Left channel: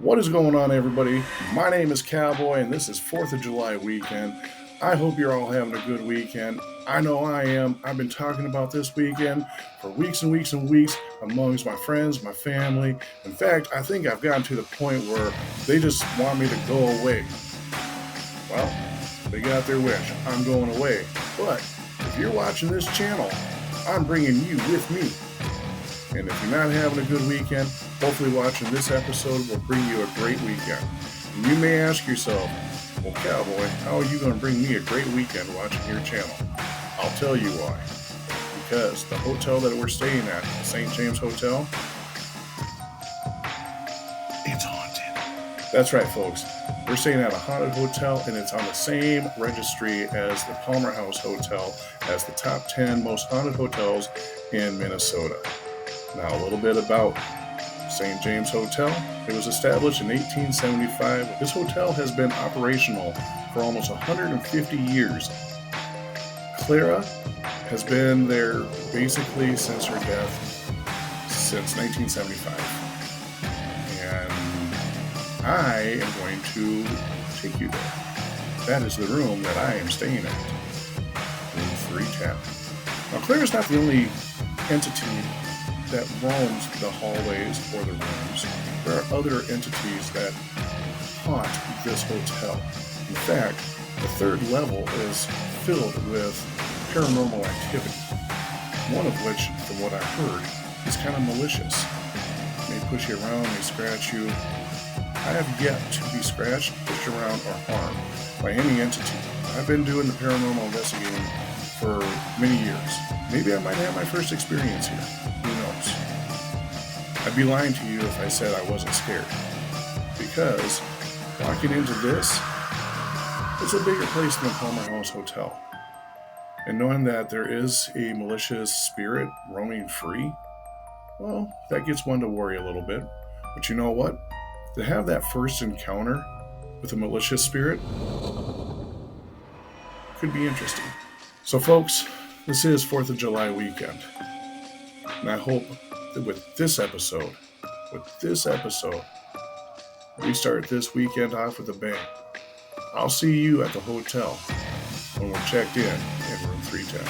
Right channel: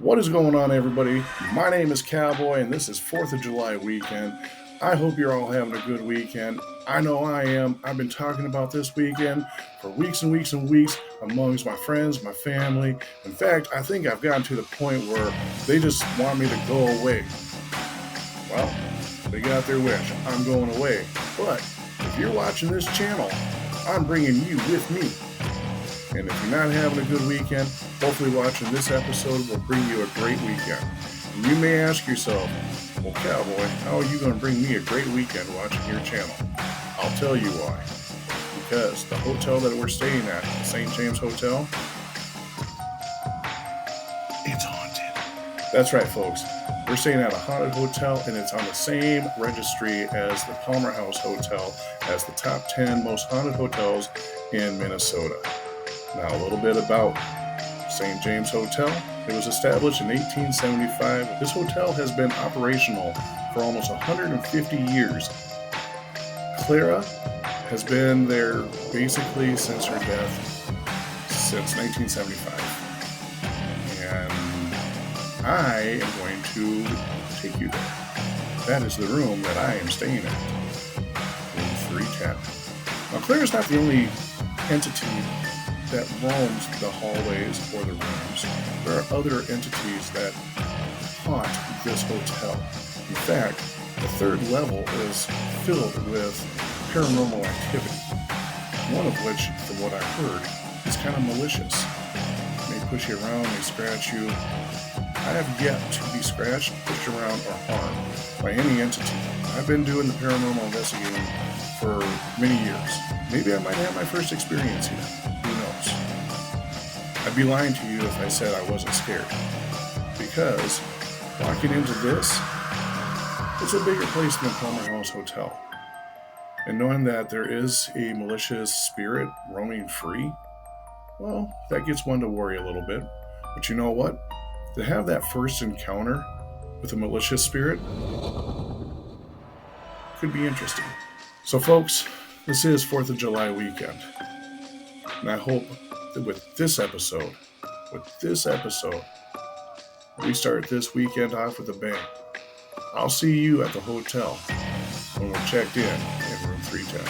What is going on, everybody? My name is Cowboy, and this is 4th of July weekend. I hope you're all having a good weekend. I know I am. I've been talking about this weekend for weeks and weeks and weeks amongst my friends, my family. In fact, I think I've gotten to the point where they just want me to go away. Well, they got their wish. I'm going away. But if you're watching this channel, I'm bringing you with me. And if you're not having a good weekend, hopefully watching this episode will bring you a great weekend. And you may ask yourself, well, Cowboy, how are you going to bring me a great weekend watching your channel? I'll tell you why. Because the hotel that we're staying at, the St. James Hotel, it's haunted. That's right, folks. We're staying at a haunted hotel, and it's on the same registry as the Palmer House Hotel as the top 10 most haunted hotels in Minnesota. Now, a little bit about St. James Hotel. It was established in 1875. This hotel has been operational for almost 150 years. Clara has been there basically since her death, since 1975. And I am going to take you there. That is the room that I am staying at, room 310. Now, Clara's not the only entity that roams the hallways or the rooms. There are other entities that haunt this hotel. In fact, the third level is filled with paranormal activity, one of which, from what I heard, is kind of malicious. May push you around, may scratch you. I have yet to be scratched, pushed around, or harmed by any entity. I've been doing the paranormal investigating for many years. Maybe I might have my first experience here. Who knows? I'd be lying to you if I said I wasn't scared. Because walking into this, it's a bigger place than the Palmer House Hotel. And knowing that there is a malicious spirit roaming free, well, that gets one to worry a little bit. But you know what? To have that first encounter with a malicious spirit could be interesting. So, folks, this is 4th of July weekend. And I hope that with this episode, we start this weekend off with a bang. I'll see you at the hotel when we're checked in room 310.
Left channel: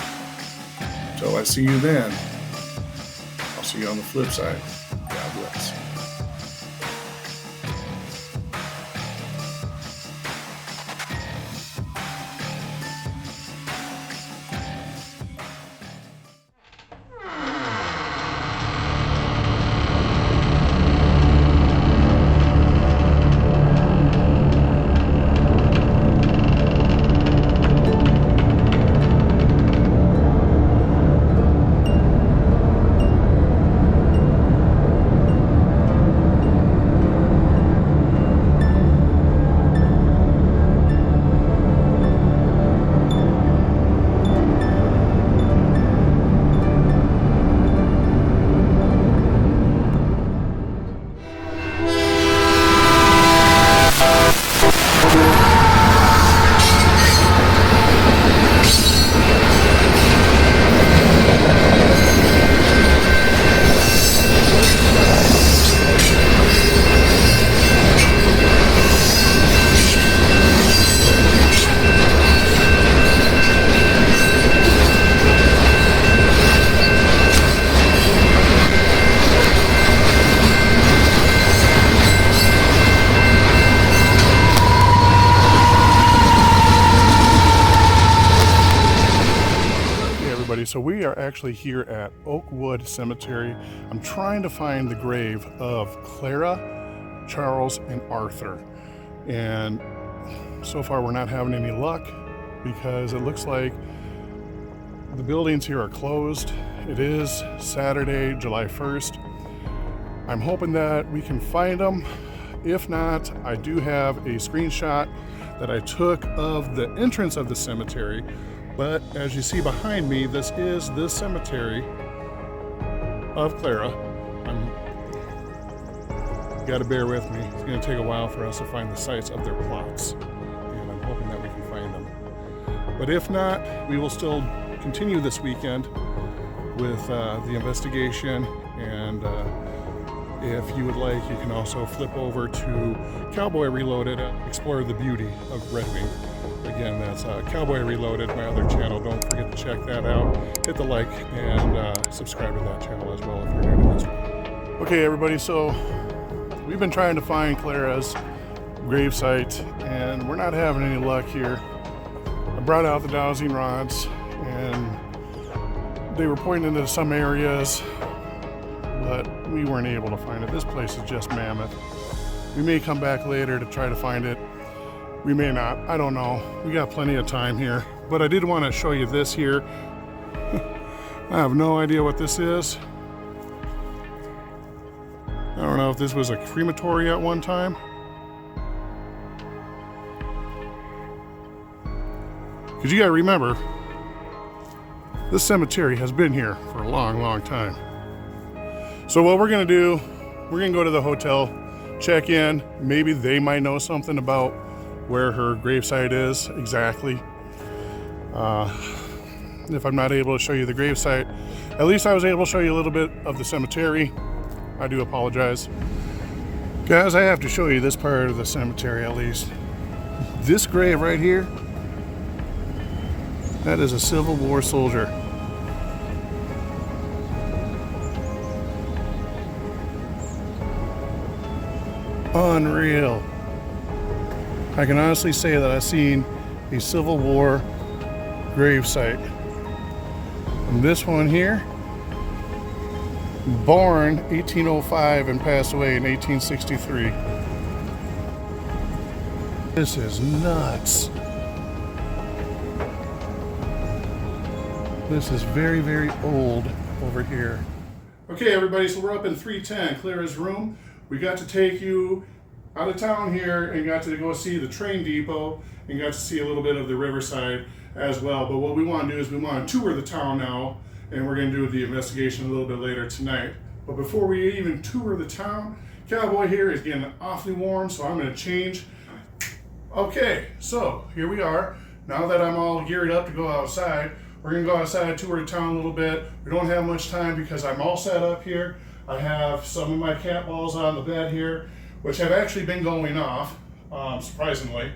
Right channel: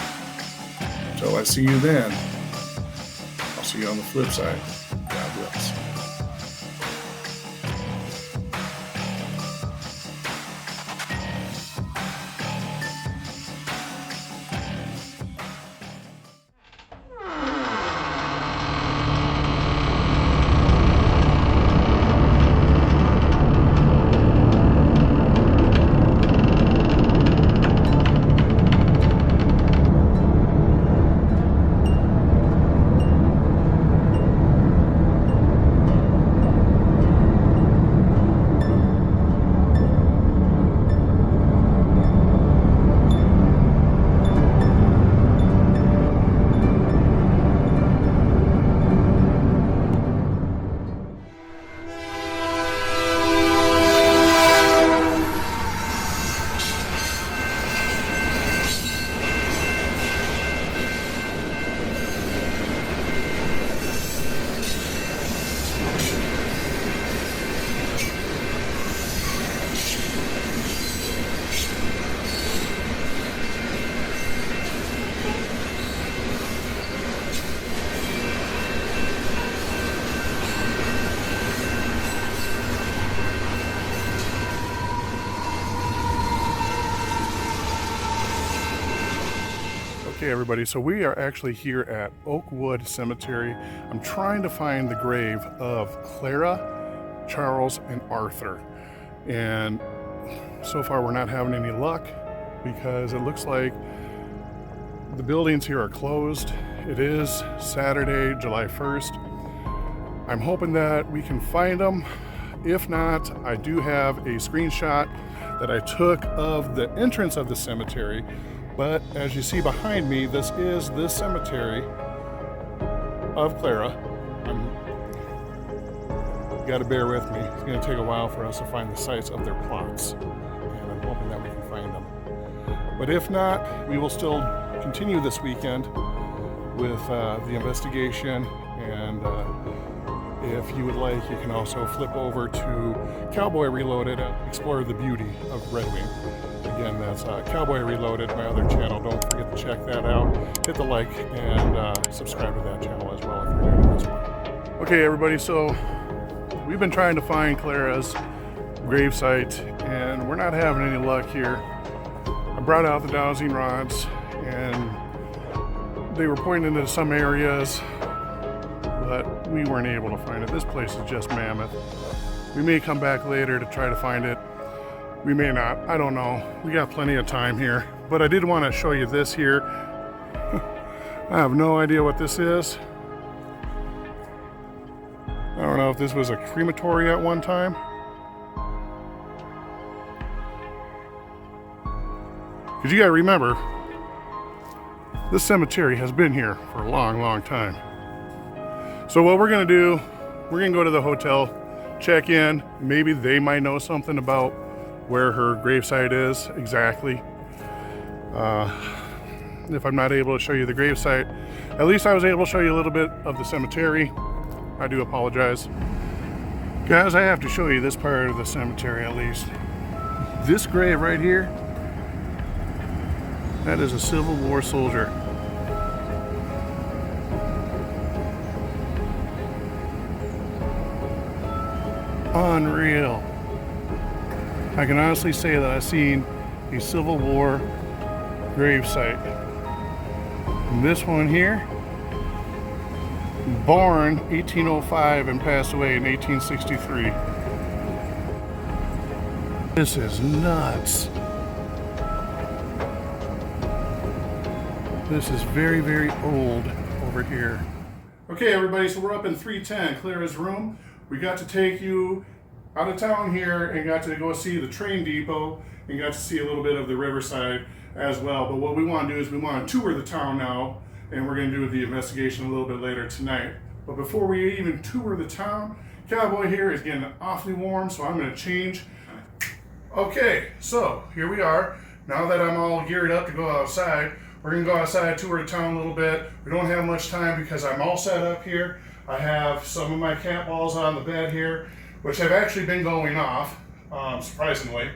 Until I see you then, I'll see you on the flip side. God bless. So we are actually here at Oakwood Cemetery. I'm trying to find the grave of Clara, Charles, and Arthur. And so far we're not having any luck because it looks like the buildings here are closed. It is Saturday, July 1st. I'm hoping that we can find them. If not, I do have a screenshot that I took of the entrance of the cemetery. But as you see behind me, this is the cemetery of Clara. Got to bear with me. It's going to take a while for us to find the sites of their plots, and I'm hoping that we can find them. But if not, we will still continue this weekend with the investigation and If you would like, you can also flip over to Cowboy Reloaded and explore the beauty of Red Wing. Again, that's Cowboy Reloaded, my other channel. Don't forget to check that out. Hit the like and subscribe to that channel as well if you're new to this one. Okay, everybody, so we've been trying to find Clara's gravesite, and we're not having any luck here. I brought out the dowsing rods, and they were pointing into some areas, but we weren't able to find it. This place is just mammoth. We may come back later to try to find it. We may not, I don't know. We got plenty of time here, but I did want to show you this here. I have no idea what this is. I don't know if this was a crematory at one time. Because you gotta remember, this cemetery has been here for a long, long time. So what we're gonna do, we're gonna go to the hotel, check in. Maybe they might know something about where her gravesite is exactly. If I'm not able to show you the gravesite, at least I was able to show you a little bit of the cemetery. I do apologize. Guys, I have to show you this part of the cemetery at least. This grave right here, that is a Civil War soldier. Unreal. I can honestly say that I've seen a Civil War gravesite. And this one here, born 1805 and passed away in 1863. This is nuts. This is very, very old over here. Okay, everybody, so we're up in 310, Clara's room. We got to take you out of town here and got to go see the train depot and got to see a little bit of the riverside as well. But what we want to do is we want to tour the town now, and we're going to do the investigation a little bit later tonight. But before we even tour the town, Cowboy here is getting awfully warm, so I'm going to change. Okay, so here we are. Now that I'm all geared up to go outside, we're going to go outside, tour the town a little bit. We don't have much time because I'm all set up here. I have some of my cat balls on the bed here, which have actually been going off, surprisingly.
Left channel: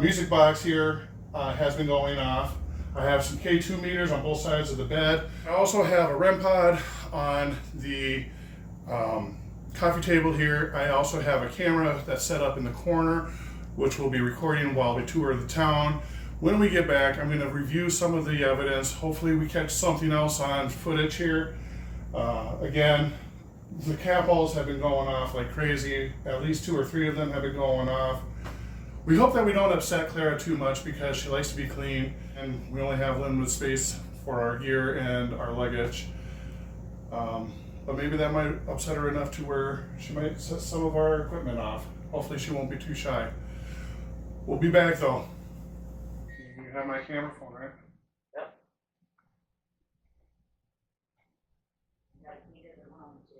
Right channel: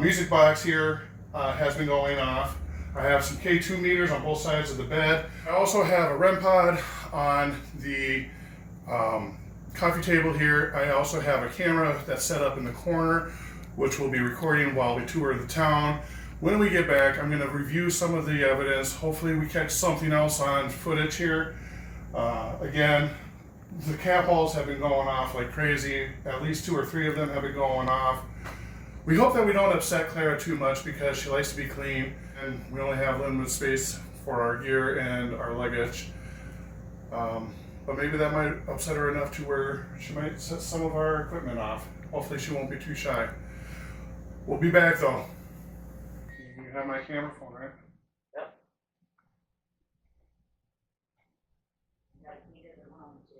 Music box here has been going off. I have some K2 meters on both sides of the bed. I also have a REM pod on the coffee table here. I also have a camera that's set up in the corner, which will be recording while we tour the town. When we get back, I'm going to review some of the evidence. Hopefully we catch something else on footage here. Again, the cat balls have been going off like crazy. At least 2 or 3 of them have been going off. We hope that we don't upset Clara too much because she likes to be clean and we only have limited space for our gear and our luggage. But maybe that might upset her enough to where she might set some of our equipment off. Hopefully she won't be too shy. We'll be back though. You have my camera phone, right? Yep. Yeah, he doesn't want to.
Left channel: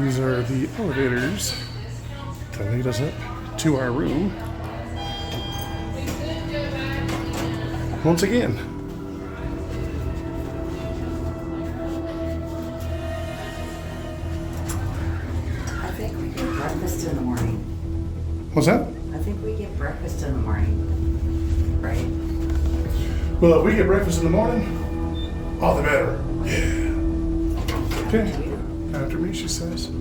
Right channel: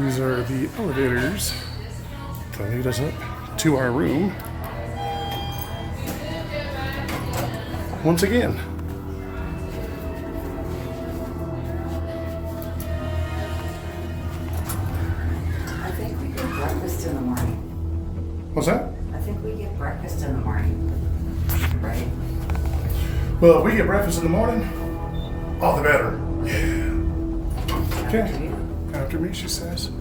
These are the elevators to lead us up to our room. Once again. I think we get breakfast in the morning. What's that? I think we get breakfast in the morning. Right? Well, if we get breakfast in the morning, all the better. Yeah. Okay. After me, she says. So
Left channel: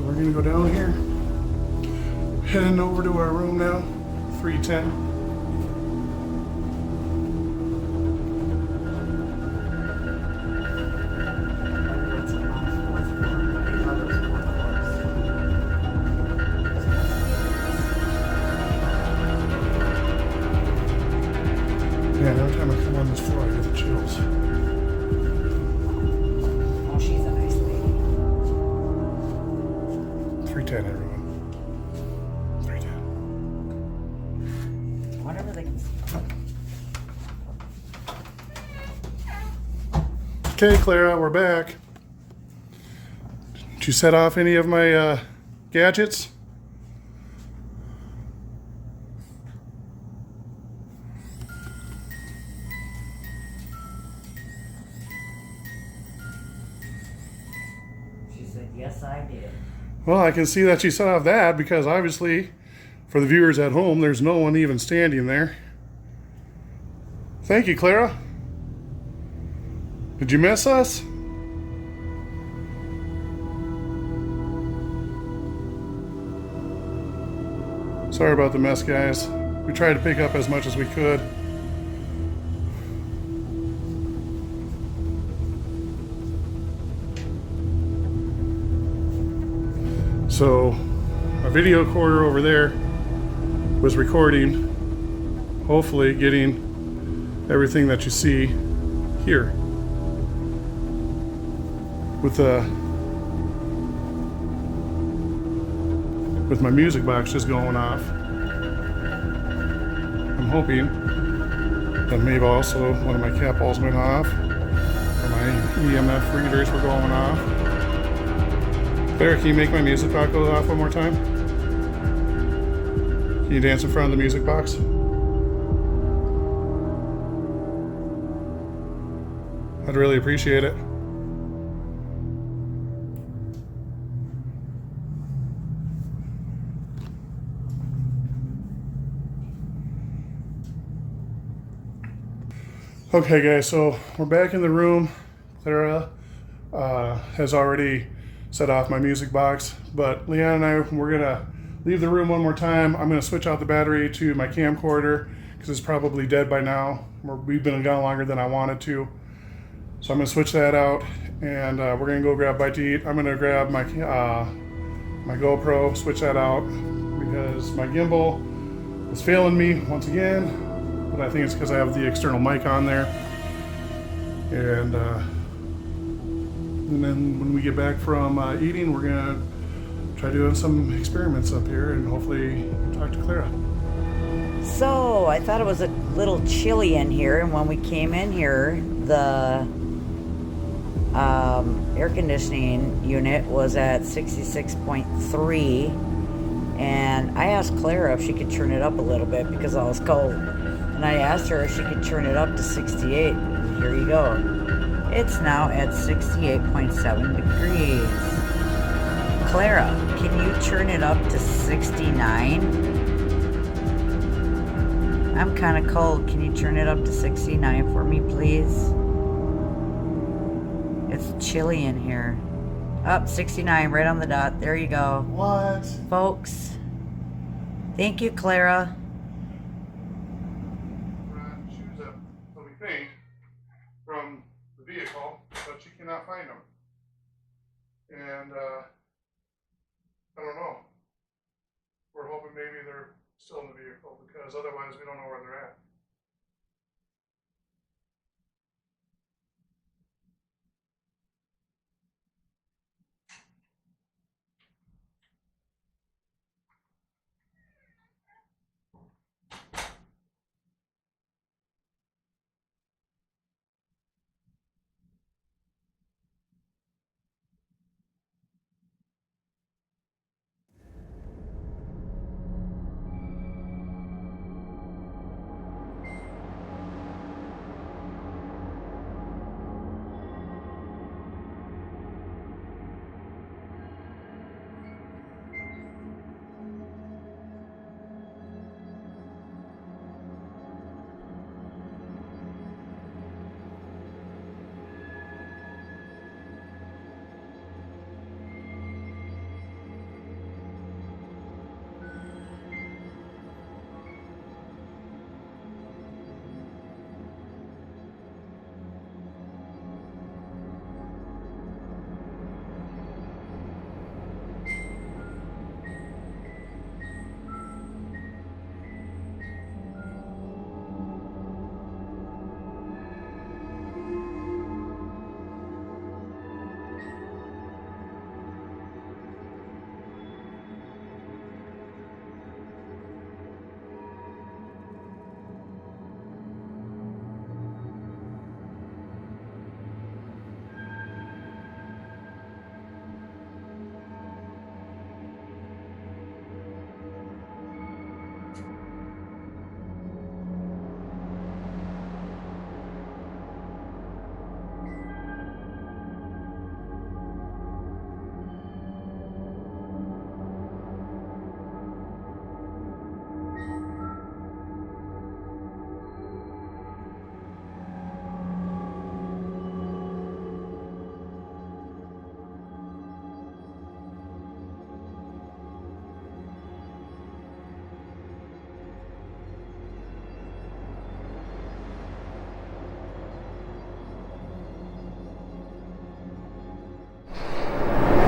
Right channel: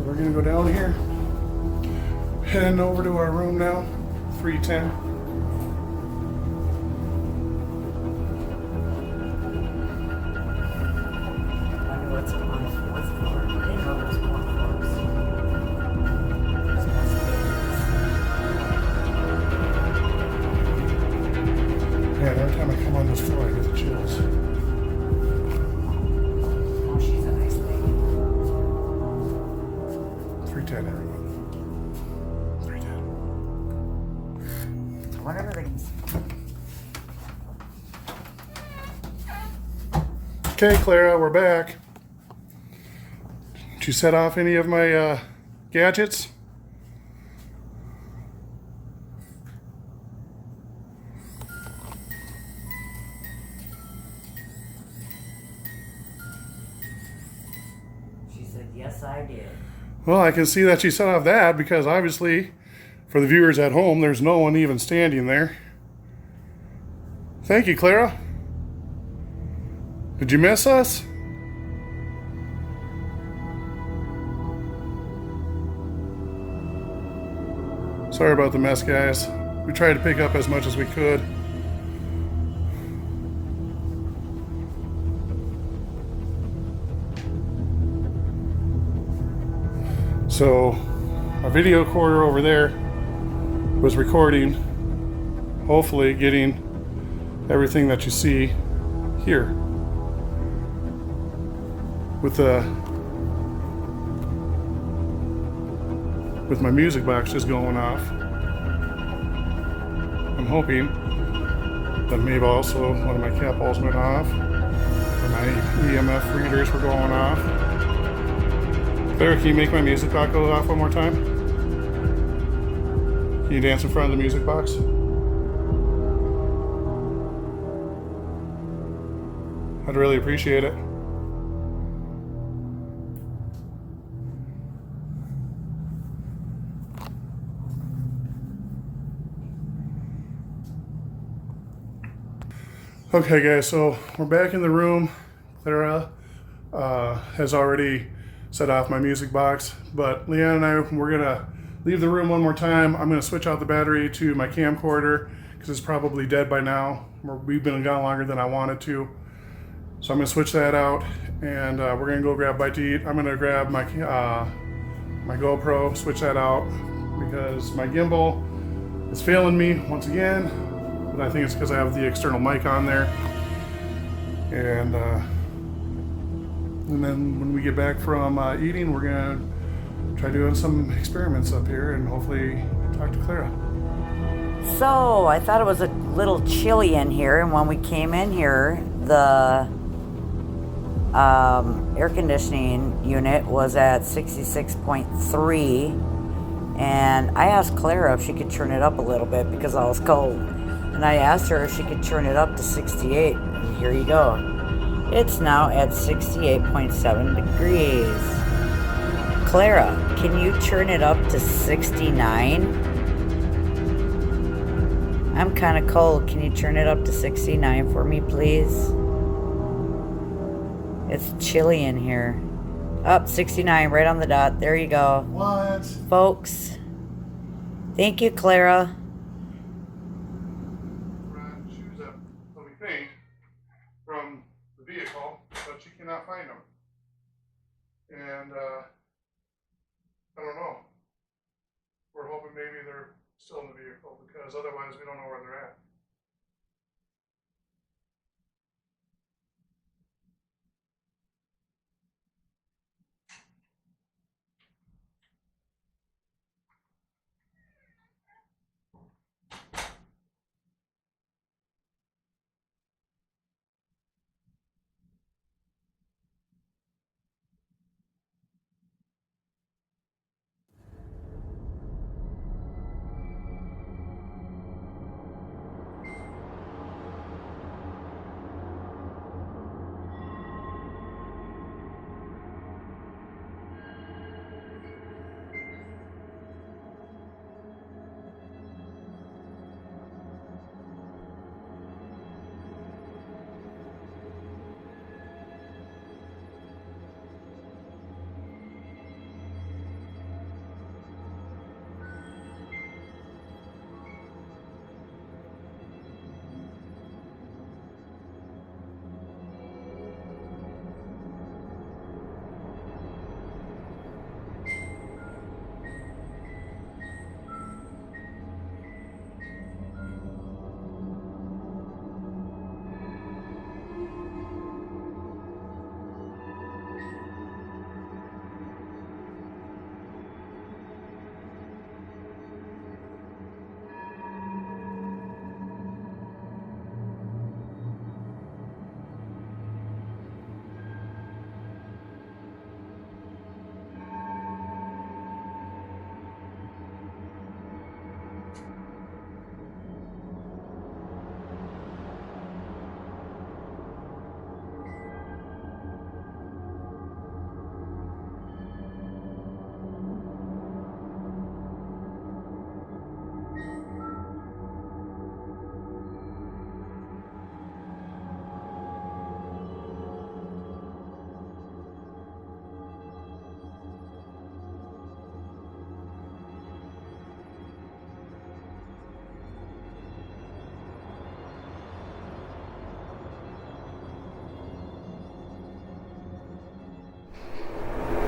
we're gonna go down here. Heading over to our room now. 310. Yeah, every time I come on this floor, I get the chills. Oh, she's a nice lady. 310, everyone. 310. Whatever they can see. Okay, Clara, we're back. Did you set off any of my gadgets? She said, yes, I did. Well, I can see that she set off that because obviously, for the viewers at home, there's no one even standing there. Thank you, Clara. Did you miss us? Sorry about the mess, guys. We tried to pick up as much as we could. So, our video recorder over there was recording, hopefully getting everything that you see here. With my music box just going off. I'm hoping that maybe also one of my cat balls went off, or my EMF readers were going off. Claire, can you make my music box go off one more time? Can you dance in front of the music box? I'd really appreciate it. Okay, guys, so we're back in the room. Clara has already set off my music box, but Leanne and I, we're gonna leave the room one more time. I'm gonna switch out the battery to my camcorder because it's probably dead by now. We've been gone longer than I wanted to. So I'm gonna switch that out and we're gonna go grab a bite to eat. I'm gonna grab my my GoPro, switch that out because my gimbal is failing me once again, but I think it's because I have the external mic on there. And then when we get back from eating, we're gonna try doing some experiments up here and hopefully talk to Clara. So I thought it was a little chilly in here, and when we came in here, the air conditioning unit was at 66.3, and I asked Clara if she could turn it up a little bit because I was cold, and I asked her if she could turn it up to 68, and here you go. It's now at 68.7 degrees. Clara, can you turn it up to 69? I'm kind of cold. Can you turn it up to 69 for me, please? It's chilly in here. Up 69, right on the dot. There you go. What? Folks. Thank you, Clara. Brought shoes up, so we think, from the vehicle, but she cannot find them. And I don't know. We're hoping maybe they're still in the vehicle because otherwise we don't know where they're at.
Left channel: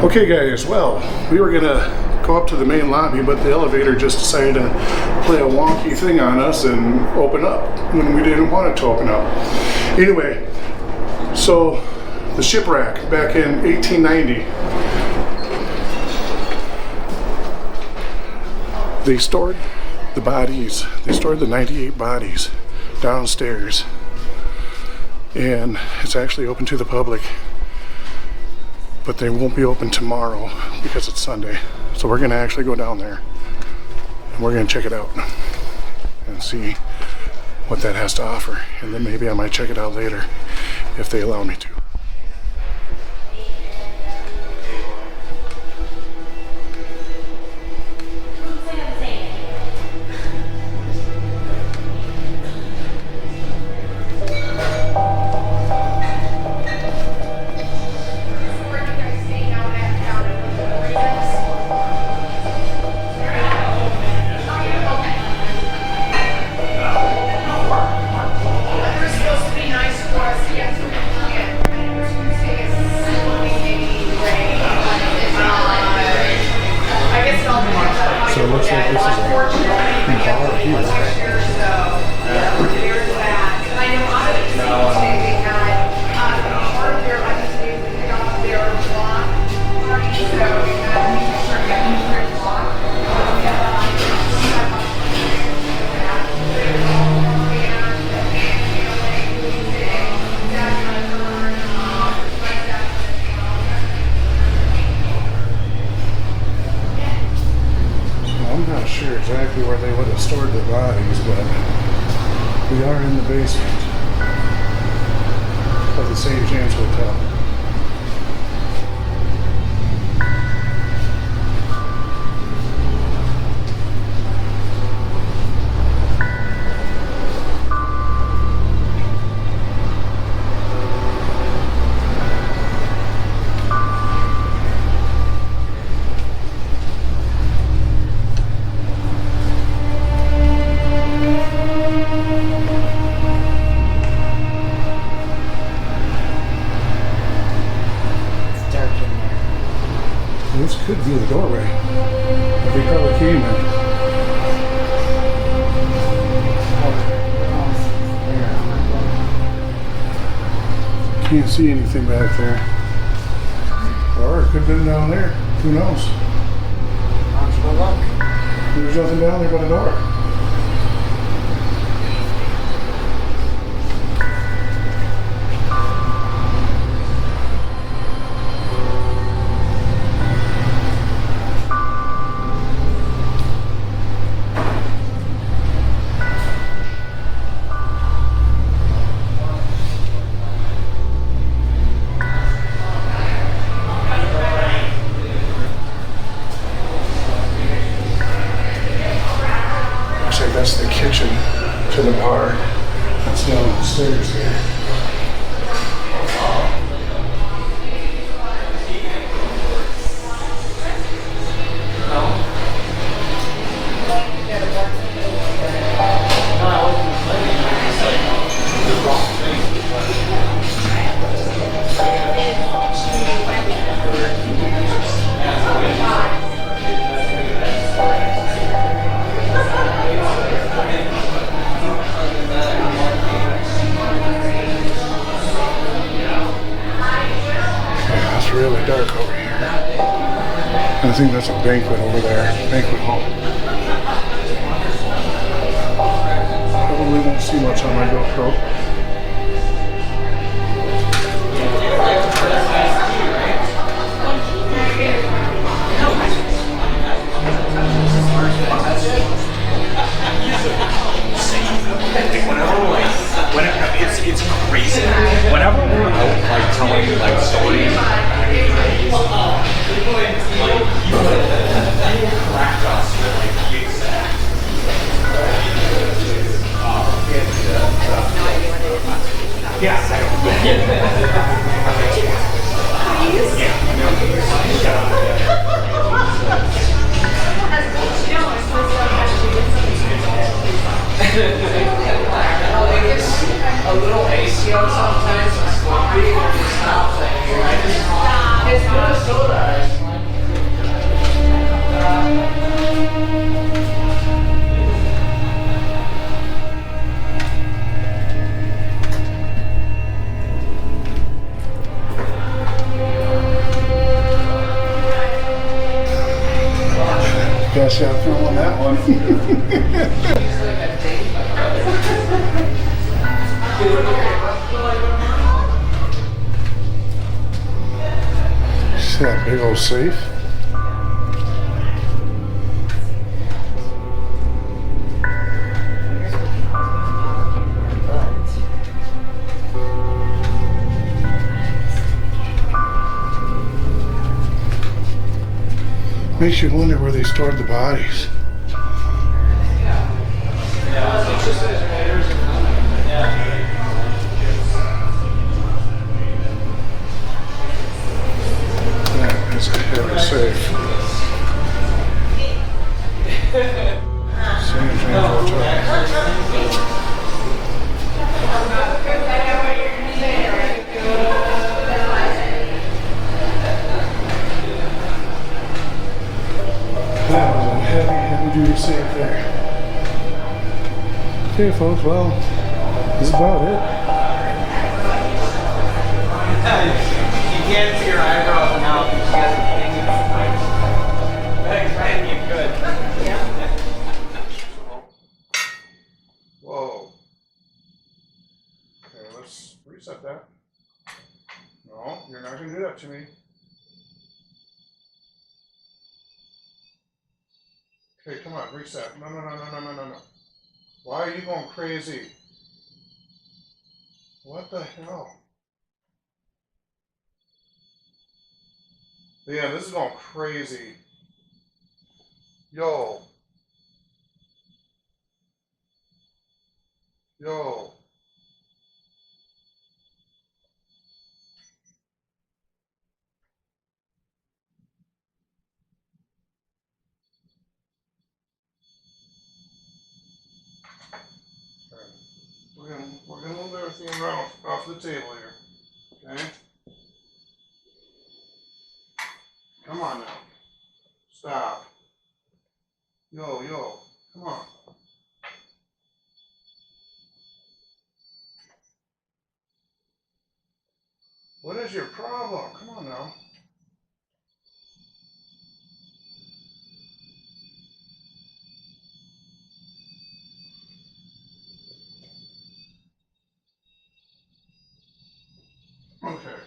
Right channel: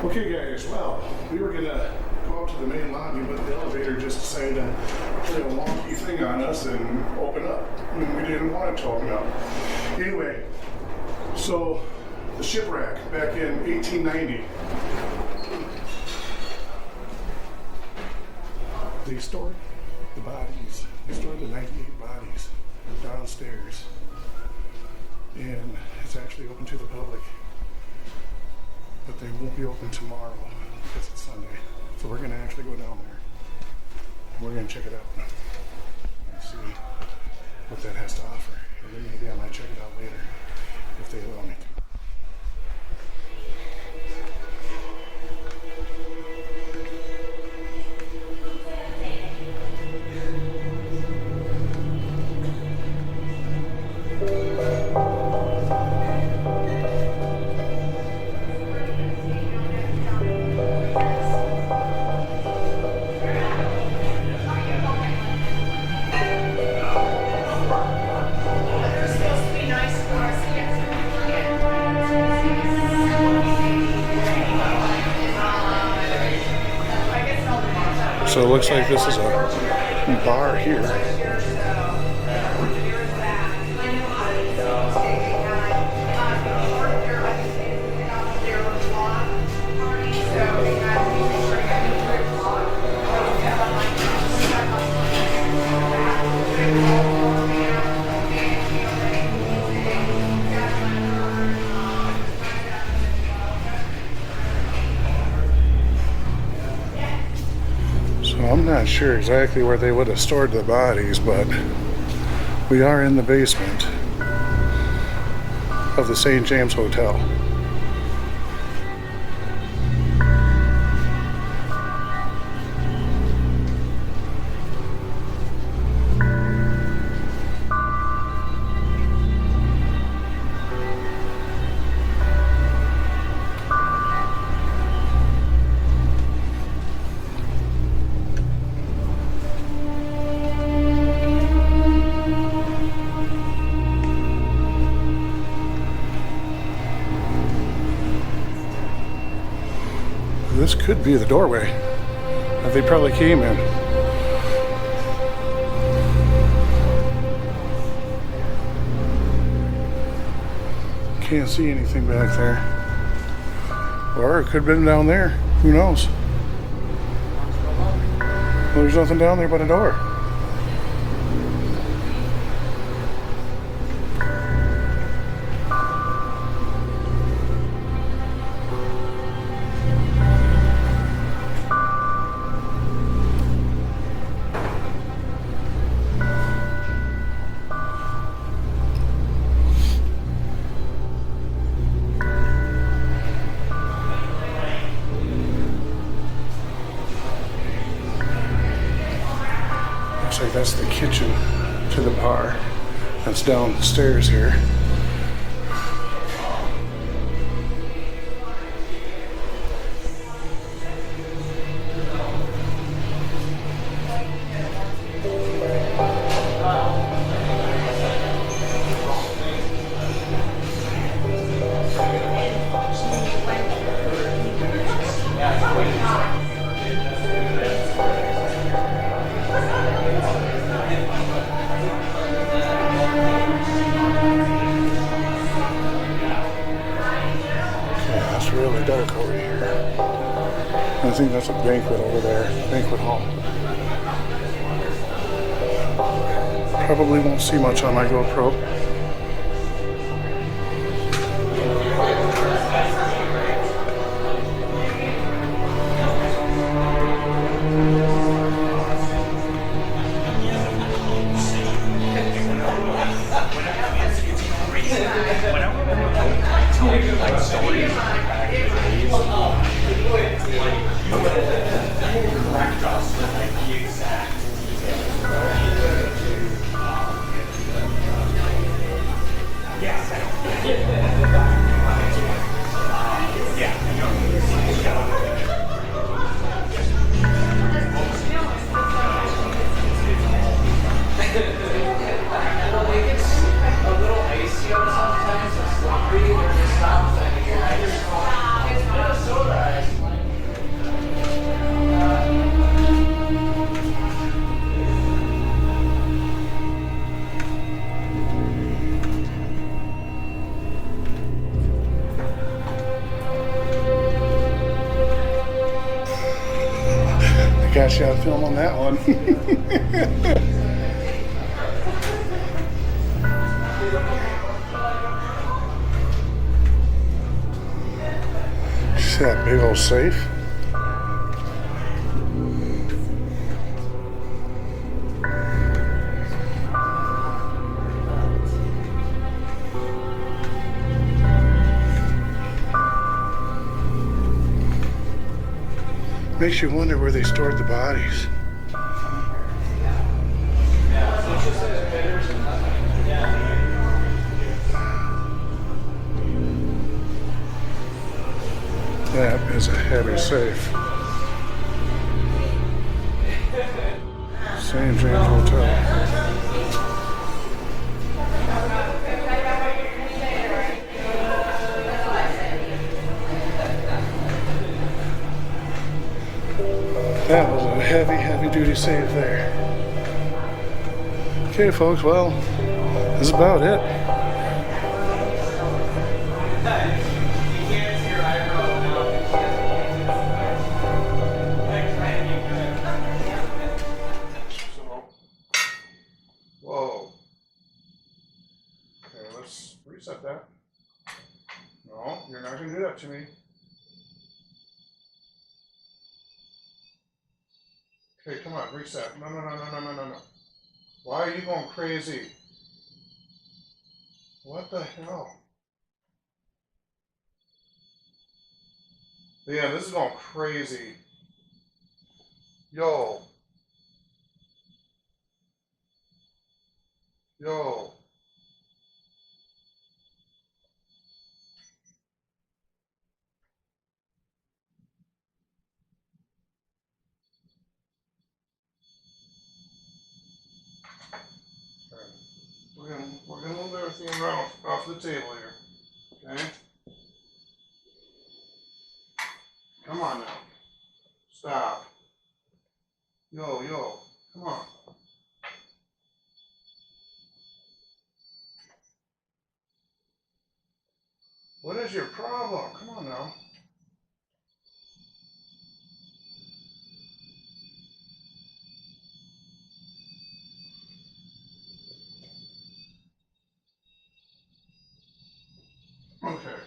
Okay guys, well, we were gonna go up to the main lobby, but the elevator just decided to play a wonky thing on us and open up when we didn't want it to open up. Anyway, so the shipwreck back in 1890, they stored the bodies, they stored the 98 bodies downstairs, and it's actually open to the public, but they won't be open tomorrow because it's Sunday. So we're gonna actually go down there and we're gonna check it out and see what that has to offer, and then maybe I might check it out later if they allow me to. So it looks like this is a bar here. I'm not sure exactly where they would have stored the bodies, but we are in the basement of the St. James Hotel. This could be the doorway that they probably came in. Can't see anything back there. Or it could have been down there. Who knows? Well, there's nothing down there but a door. That's the kitchen to the bar. That's down the stairs here. Really dark over here. I think that's a banquet over there, banquet hall. Probably won't see much on my GoPro. It's crazy. Whenever we're like telling you like stories, you cracked us with like the exact. Got you on film on that one. See that big old safe? Makes you wonder where they stored the bodies. That is a heavy safe. St. James Hotel. That was a heavy, heavy duty save there. Okay, folks, well, that's about it. You can't see your eyebrows now because you guys are thinking you good. So, whoa. Okay, let's reset that. No, you're not going to do that to me. Okay, come on, reset. No, no, no, no, no, no, no, no. Why are you going crazy? What the hell? Yeah, this is going crazy. Yo. Yo. Okay. We're gonna move everything around off the table here. Okay? Come on now. Stop. Yo, yo. Come on. What is your problem? Come on now. Okay.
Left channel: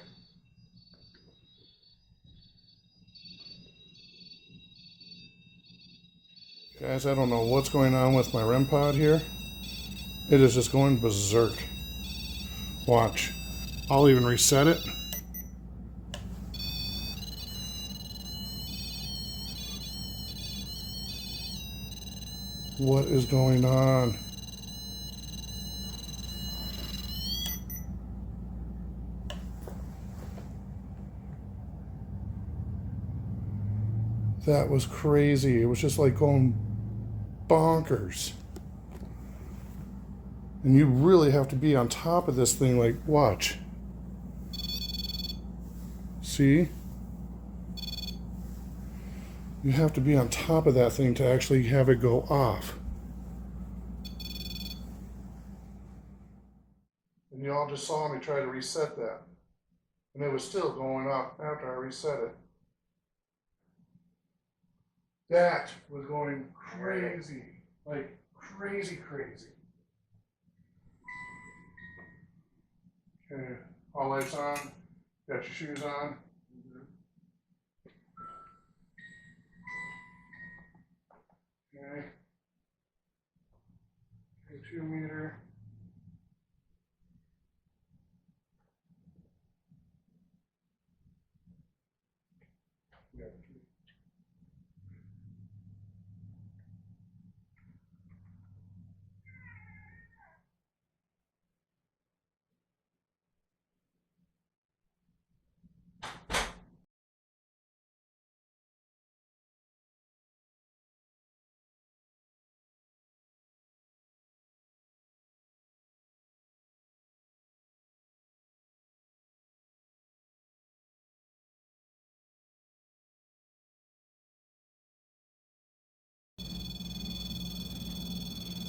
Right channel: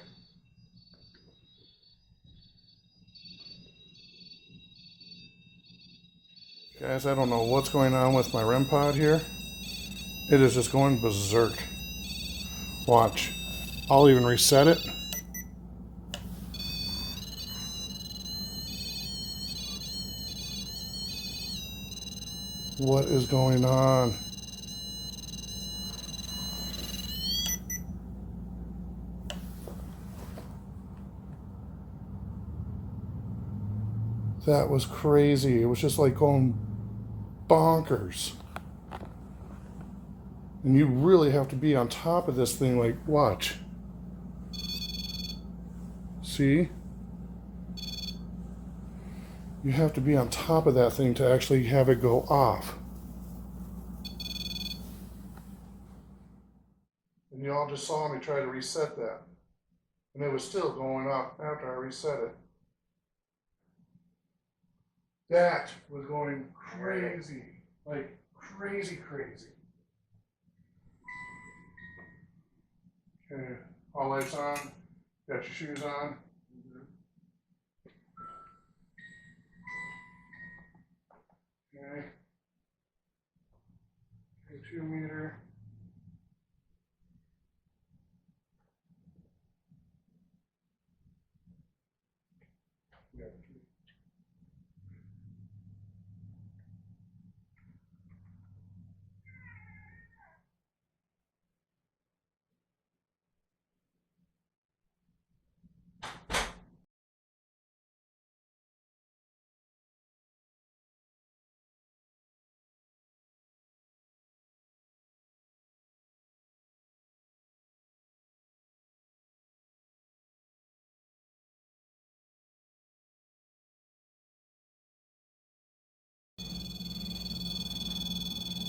Guys, I don't know what's going on with my REM pod here. It is just going berserk. Watch. I'll even reset it. What is going on? That was crazy. It was just like going bonkers. And you really have to be on top of this thing, like, watch. See? You have to be on top of that thing to actually have it go off. And you all just saw me try to reset that. And it was still going off after I reset it. That was going crazy. Like, crazy, crazy. Okay, all lights on. Got your shoes on. Okay. 2 meter. Yeah.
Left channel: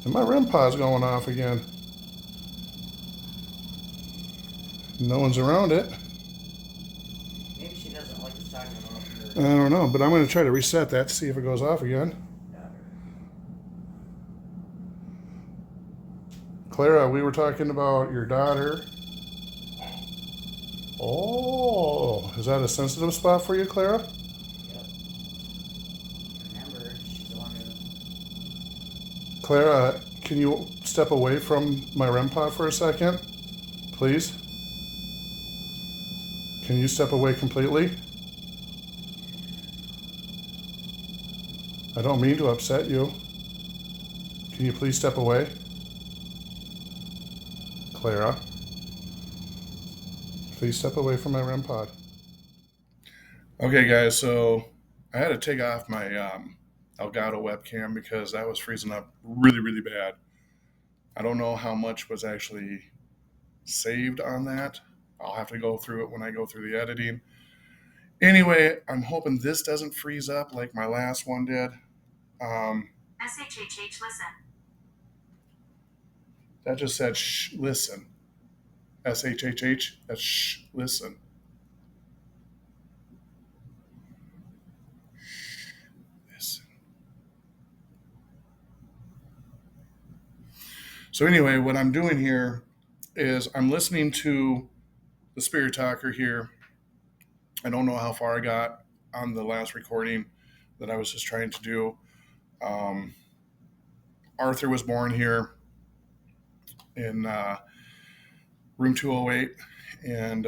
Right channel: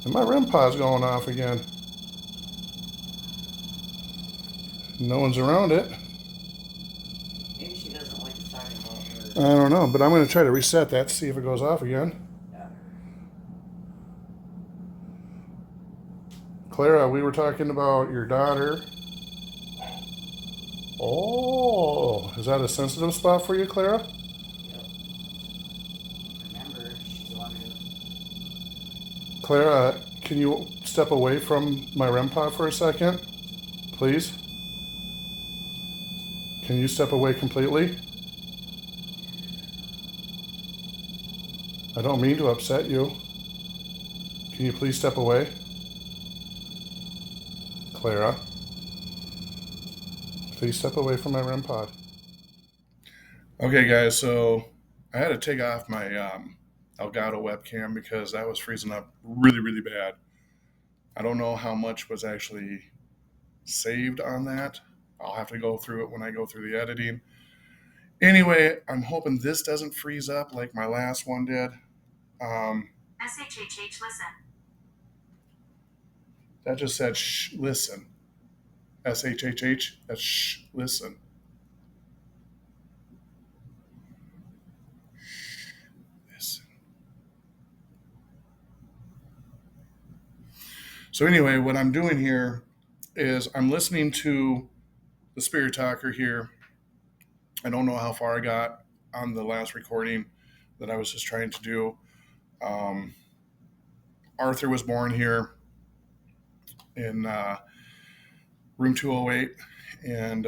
And my REM pod's going off again. No one's around it. Maybe she doesn't like us talking about her. I don't know, but I'm going to try to reset that to see if it goes off again. Clara, we were talking about your daughter. Oh, is that a sensitive spot for you, Clara? Yep. Remember, she's the one who. Clara, can you step away from my REM pod for a second? Please? Can you step away completely? I don't mean to upset you. Can you please step away? Clara, please step away from my REM pod. Okay, guys, so I had to take off my Elgato webcam because that was freezing up really, really bad. I don't know how much was actually saved on that. I'll have to go through it when I go through the editing. Anyway, I'm hoping this doesn't freeze up like my last one did. SHHH listen. That just said shh, listen. SHHH, that's shh, listen. Listen. So, anyway, what I'm doing here is I'm listening to the Spirit Talker here. I don't know how far I got on the last recording that I was just trying to do. Arthur was born here in room 208, and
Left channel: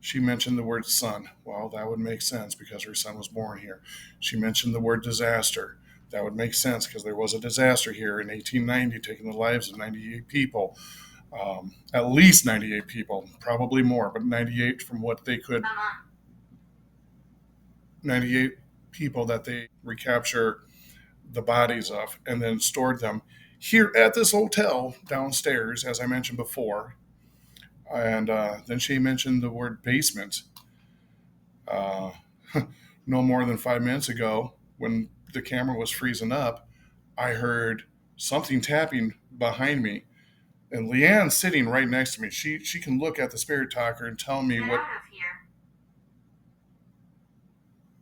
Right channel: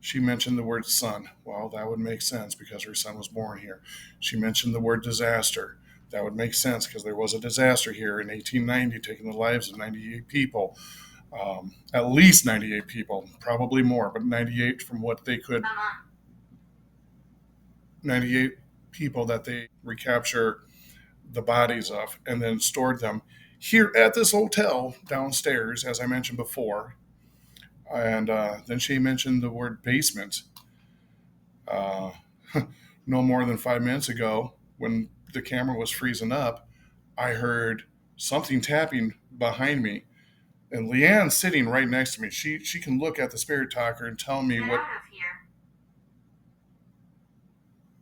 she mentioned the word son. Well, that would make sense because her son was born here. She mentioned the word disaster. That would make sense because there was a disaster here in 1890 taking the lives of 98 people. At least 98 people, probably more, but 98 from what they could, 98 people that they recapture the bodies of and then stored them here at this hotel downstairs, as I mentioned before. And then she mentioned the word basement. Uh, no more than 5 minutes ago, when the camera was freezing up, I heard something tapping behind me. And Leanne's sitting right next to me. She can look at the Spirit Talker and tell me Get what. out of here.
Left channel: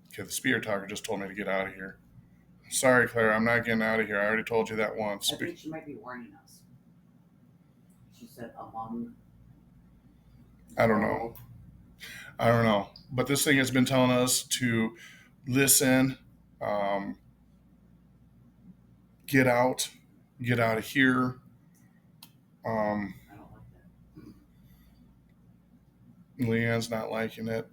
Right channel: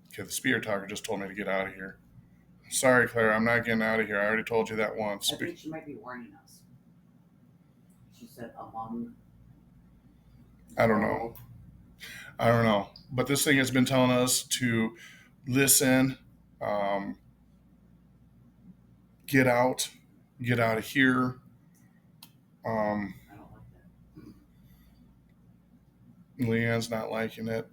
Okay, the Spirit Talker just told me to get out of here. Sorry, Claire, I'm not getting out of here. I already told you that once. I think she might be warning us. She said among. I don't know. I don't know. But this thing has been telling us to listen, get out of here. I don't like that. Leanne's not liking it.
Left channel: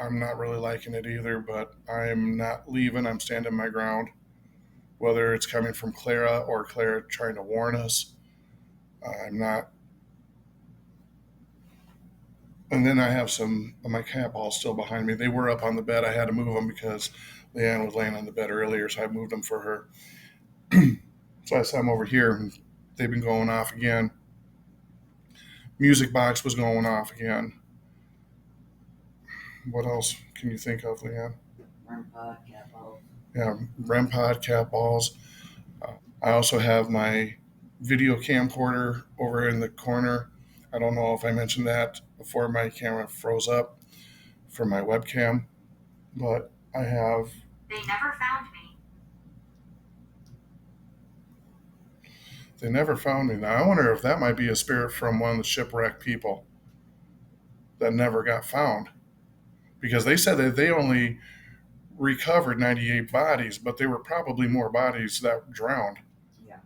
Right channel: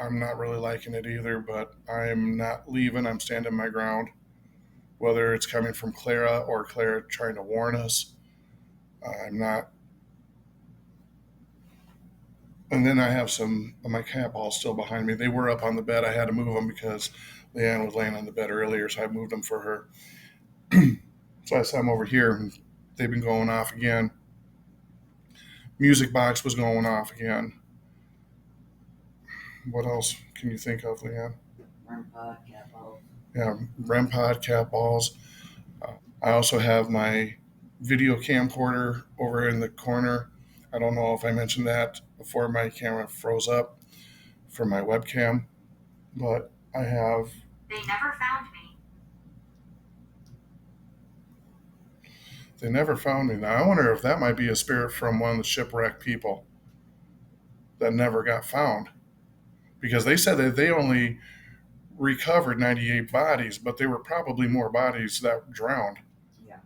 I'm not really liking it either, but I'm not leaving. I'm standing my ground. Whether it's coming from Clara or Clara trying to warn us, I'm not. And then I have some of my cat balls still behind me. They were up on the bed. I had to move them because Leanne was laying on the bed earlier, so I moved them for her. So I set them over here, and they've been going off again. Music box was going off again. What else can you think of, Leanne? REM pod, cat balls. Yeah, REM pod, cat balls. I also have my video camcorder over in the corner. I don't know if I mentioned that before my camera froze up for my webcam, but I have. They never found me. They never found me. Now, I wonder if that might be a spirit from one of the shipwrecked people that never got found. Because they said that they only recovered 98 bodies, but there were probably more bodies that drowned. Yeah,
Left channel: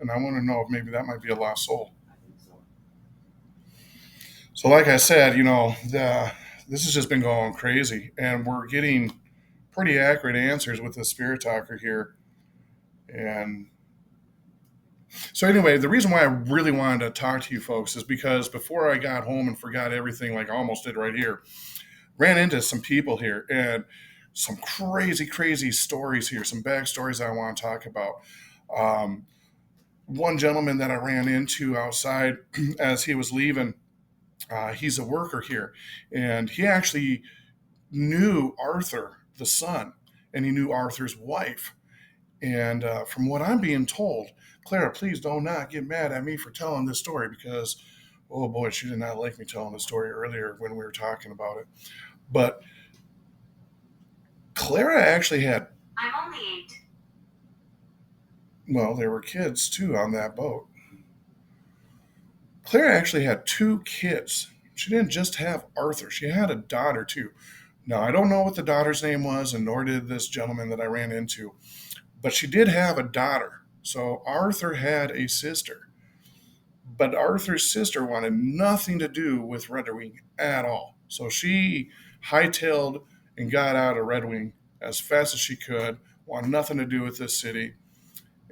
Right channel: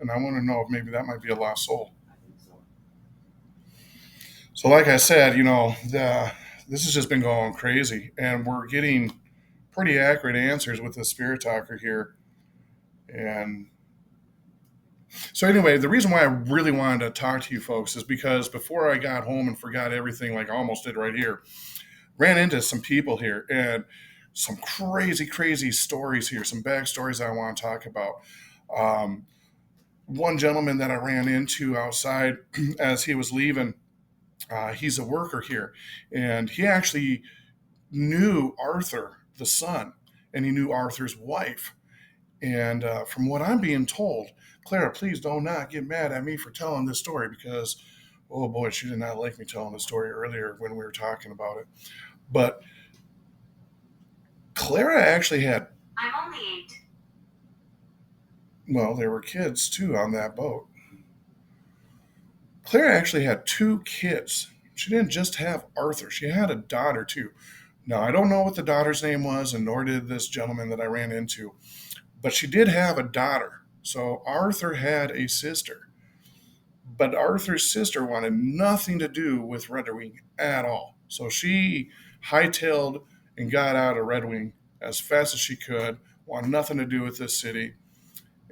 And I want to know if maybe that might be a lost soul. I think so. So, like I said, this has just been going crazy, and we're getting pretty accurate answers with the Spirit Talker here. And so, anyway, the reason why I really wanted to talk to you folks is because before I got home and forgot everything, like I almost did right here, ran into some people here and some crazy, crazy stories here, some backstories I want to talk about. One gentleman that I ran into outside as he was leaving, he's a worker here, and he actually knew Arthur, the son, and he knew Arthur's wife. And from what I'm being told, Clara, please do not get mad at me for telling this story because, oh boy, she did not like me telling the story earlier when we were talking about it. But Clara actually had, I'm only 8. well, there were kids too on that boat. Clara actually had 2 kids. She didn't just have Arthur, she had a daughter too. Now, I don't know what the daughter's name was, and nor did this gentleman that I ran into, but she did have a daughter. So Arthur had a sister, but Arthur's sister wanted nothing to do with Red Wing at all. So she hightailed and got out of Red Wing as fast as she could, wanted nothing to do with this city.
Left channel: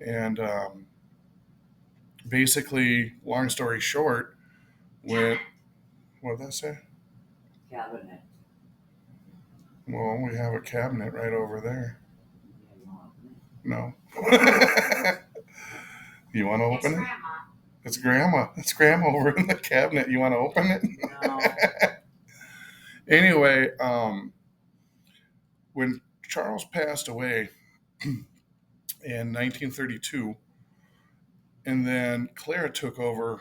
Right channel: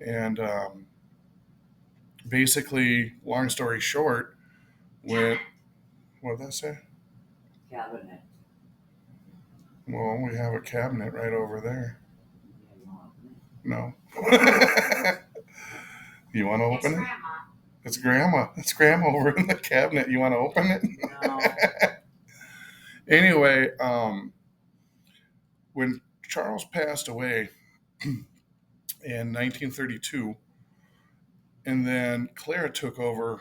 And basically, long story short, what did that say? Cabinet. Well, we have a cabinet right over there. No. You want to open it? It's grandma. It's grandma over in the cabinet. You want to open it? No. Anyway, when Charles passed away in 1932, and then Clara took over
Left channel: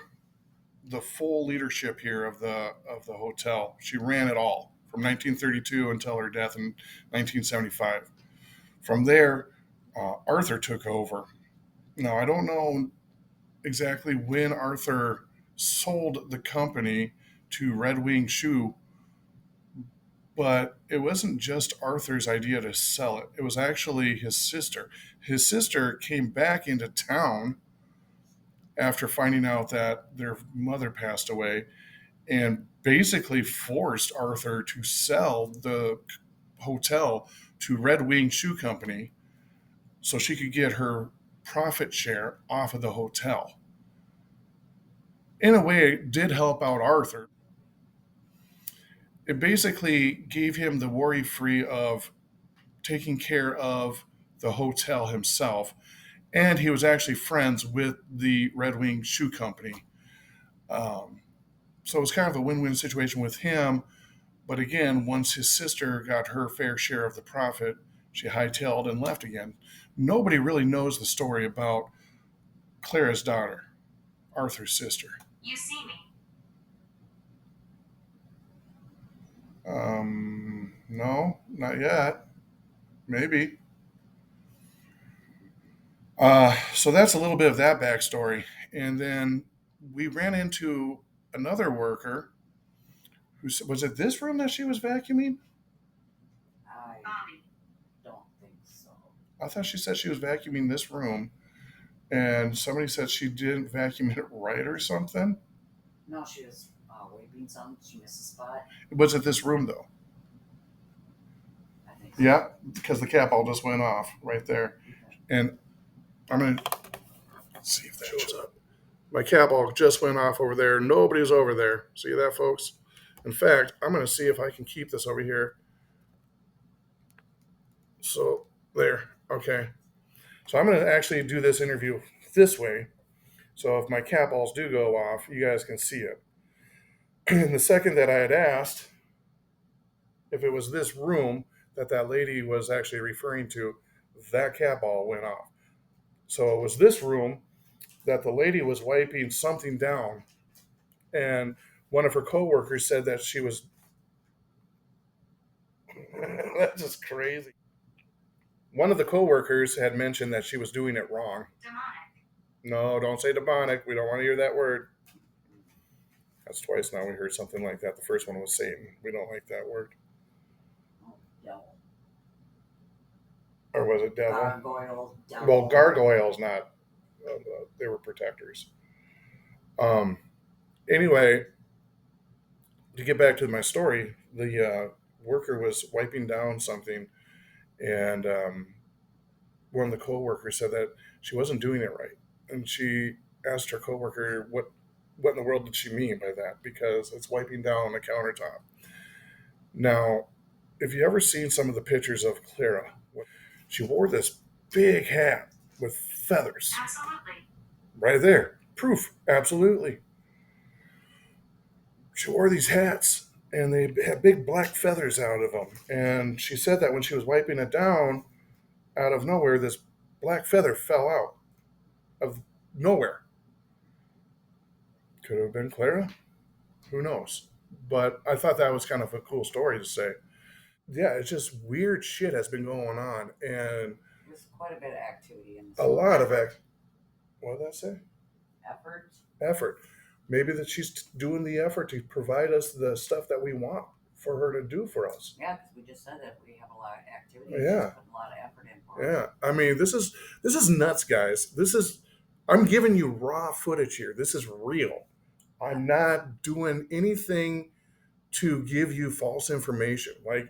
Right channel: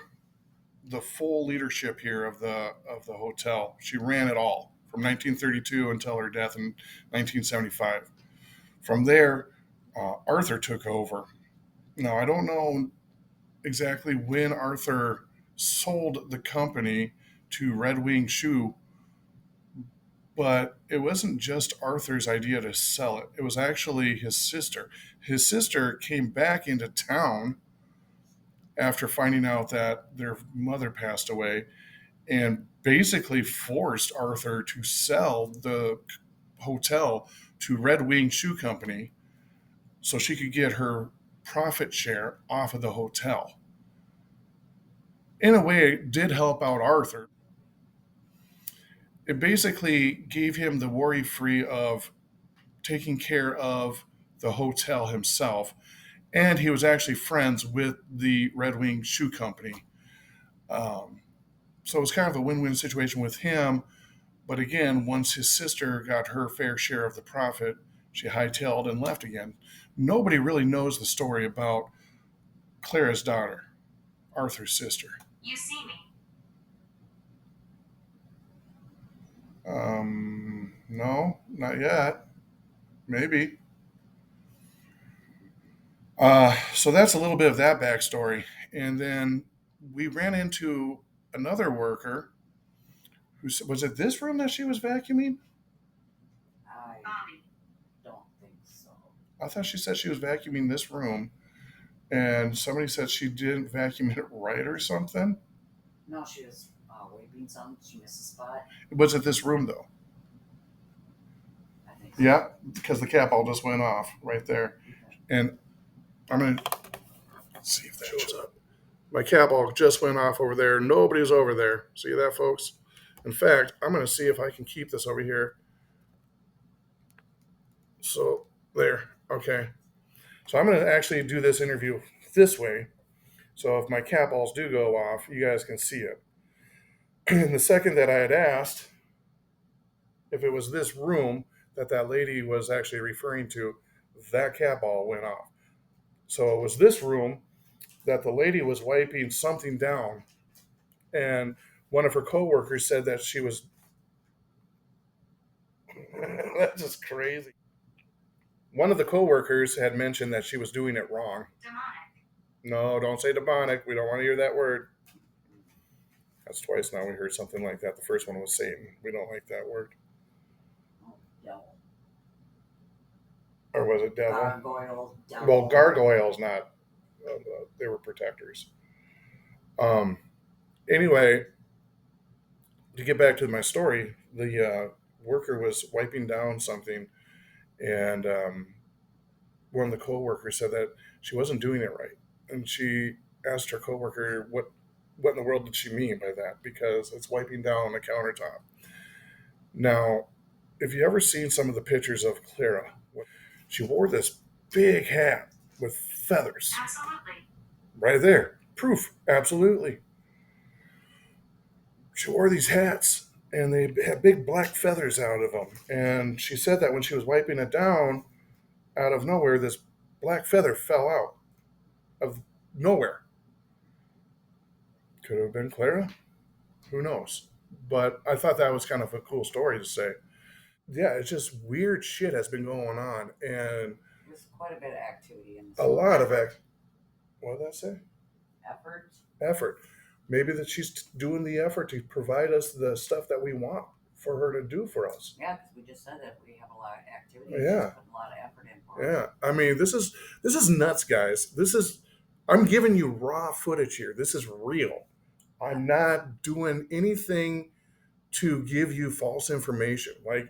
the full leadership here of the hotel. She ran it all from 1932 until her death in 1975. From there, Arthur took over. Now, I don't know exactly when Arthur sold the company to Red Wing Shoe, but it wasn't just Arthur's idea to sell it. It was actually his sister. His sister came back into town after finding out that their mother passed away and basically forced Arthur to sell the hotel to Red Wing Shoe Company so she could get her profit share off of the hotel. In a way, it did help out Arthur. It basically gave him the worry free of taking care of the hotel himself, and he was actually friends with the Red Wing Shoe Company. So it was kind of a win-win situation with him. But again, once his sister got her fair share of the profit, she hightailed and left again. Nobody really knows the story about Clara's daughter, Arthur's sister. You see me. No, not yet. Maybe. So that's a little bit of that backstory. And then we ran into another worker who was it this room that she was vacuuming? I Bobby. don't think so. I thought she said she was vacuuming this room, and somebody said she didn't vacuum it right or something. No, she was waving something. She missed a spot. Was it this room though? I think so. Yeah, because the cap all just went off right there. And I'm going to see if that shows up. My cap all just went off over there. Nobody's over there. See that, folks? In fact, I'm going to see if I can keep this over here. So, there. Okay. So I'm going to actually do this interview this way. So if my cap balls do go off, you guys can see it. And the second that I had asked if it was this room that lady was actually referring to, that cap ball went off. So it was this room that the lady was wiping something down, and one of her coworkers said that she was. That's just crazy. One of the coworkers had mentioned that she was doing it wrong. Demonic. No, don't say demonic. We don't want to hear that word. That's twice now we heard something like that. The first one was Satan. We don't like that word. Oh, devil. Or was it devil? Gargoyle. Devil. Well, gargoyles, not. They were protectors. Anyway, to get back to my story, the worker was wiping down something, and one of the coworkers said that she wasn't doing it right, and she asked her coworker what in the world did she mean by that, because it's wiping down on the countertop. Now, if you ever seen some of the pictures of Clara, she wore this big hat with feathers. Absolutely. Right there. Proof. Absolutely. She wore these hats, and they had big black feathers out of them. And she said that when she was wiping it down, out of nowhere, this black feather fell out of nowhere. Could have been Clara. Who knows? But I thought that was kind of a cool story to say. Yeah, it's just weird shit has been going on, and There's quite a bit of activity in this. a lot of what did that say? Effort. Effort. maybe that she's doing the effort to provide us the stuff that we want for her to do for us. Yeah, because we just said that we have a lot of activities. Yeah. She's putting a lot of effort in for us. Yeah, I mean, this is nuts, guys. I'm giving you raw footage here. This is real. I'm not doing anything to give you false information. Like,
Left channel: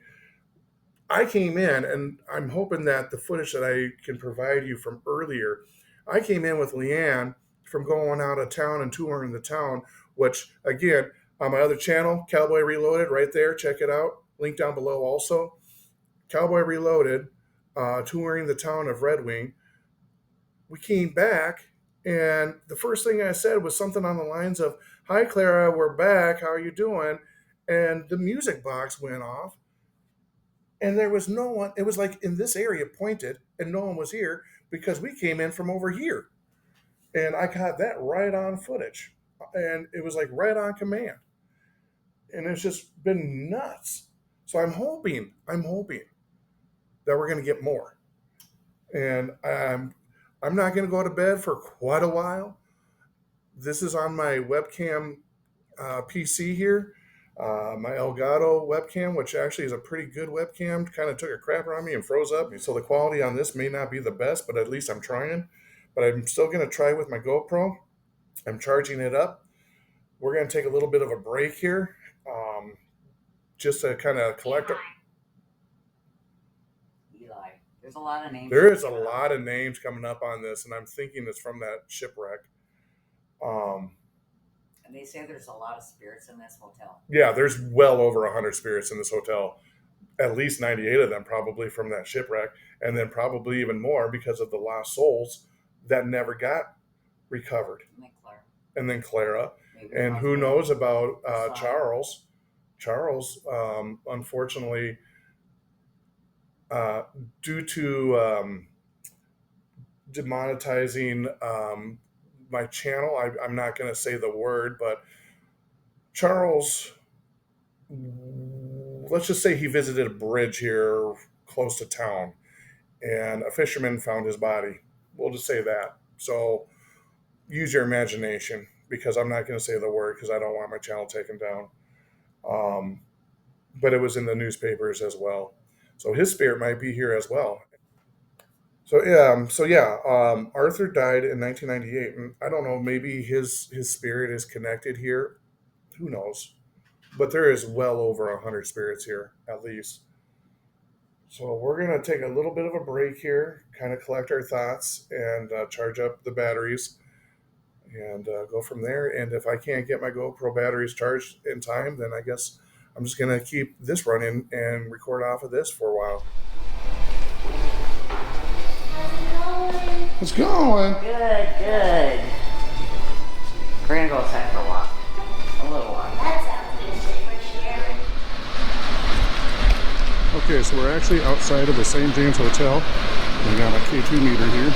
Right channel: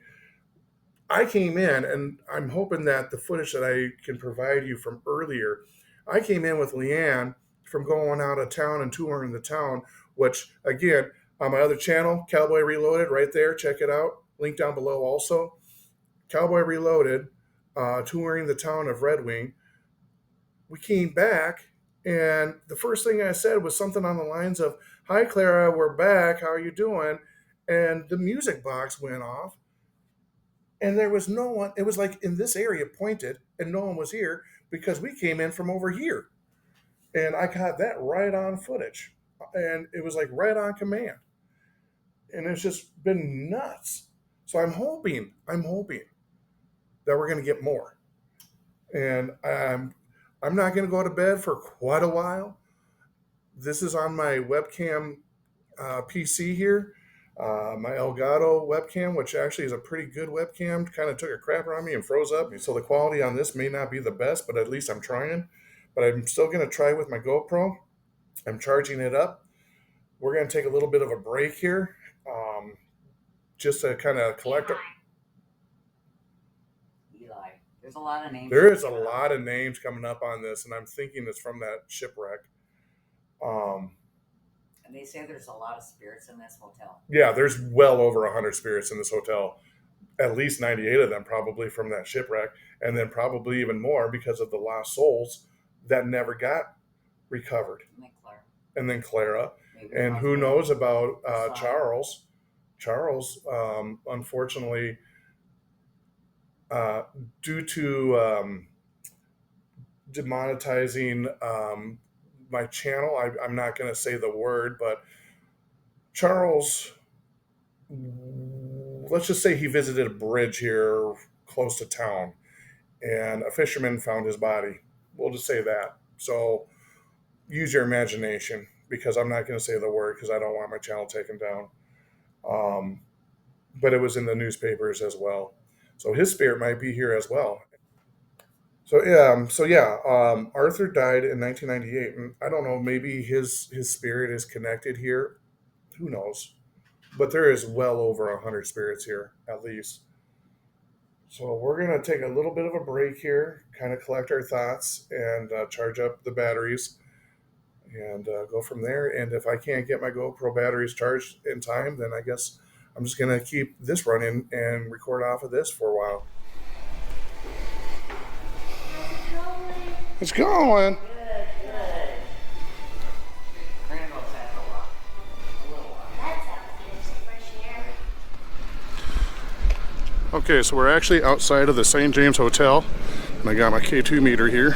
I came in, and I'm hoping that the footage that I can provide you from earlier, I came in with Leanne from going out of town and touring the town, which, again, on my other channel, Cowboy Reloaded, right there, check it out. Link down below also. Cowboy Reloaded, touring the town of Red Wing. We came back, and the first thing I said was something on the lines of, "Hi, Clara, we're back. How are you doing?" And the music box went off, and there was no one. It was like in this area pointed, and no one was here because we came in from over here. And I got that right on footage, and it was like right on command. And it's just been nuts. So I'm hoping that we're going to get more. And I'm not going to go to bed for quite a while. This is on my webcam PC here, my Elgato webcam, which actually is a pretty good webcam. Kind of took a crapper on me and froze up. So the quality on this may not be the best, but at least I'm trying. But I'm still going to try with my GoPro. I'm charging it up. We're going to take a little bit of a break here, just to kind of collect. Eli. There's a lot of names. There is a lot of names coming up on this, and I'm thinking it's from that shipwreck. And they say there's a lot of spirits in this hotel. Yeah, there's well over 100 spirits in this hotel. At least 98 of them probably from that shipwreck, and then probably even more because of the lost souls that never got recovered. And then Clara. And who knows about Charles. Charles, unfortunately, due to demonetizing my channel, I'm not going to say the word, but Charles, let's just say he visited a bridge here close to town, and a fisherman found his body. We'll just say that. So use your imagination, because I'm not going to say the word because I don't want my channel taken down. But it was in the newspapers as well. So his spirit might be here as well. So yeah, Arthur died in 1998, and I don't know, maybe his spirit is connected here. Who knows? But there is well over 100 spirits here, at least. So we're going to take a little bit of a break here, kind of collect our thoughts, and charge up the batteries, and go from there. And if I can't get my GoPro batteries charged in time, then I guess I'm just going to keep this running and record off of this for a while. It's going. Good, good. We're going to go outside for a walk. A little walk. That sounds good. Fresh air. Okay, so we're actually outside of the St. James Hotel. I got my K2 meter here,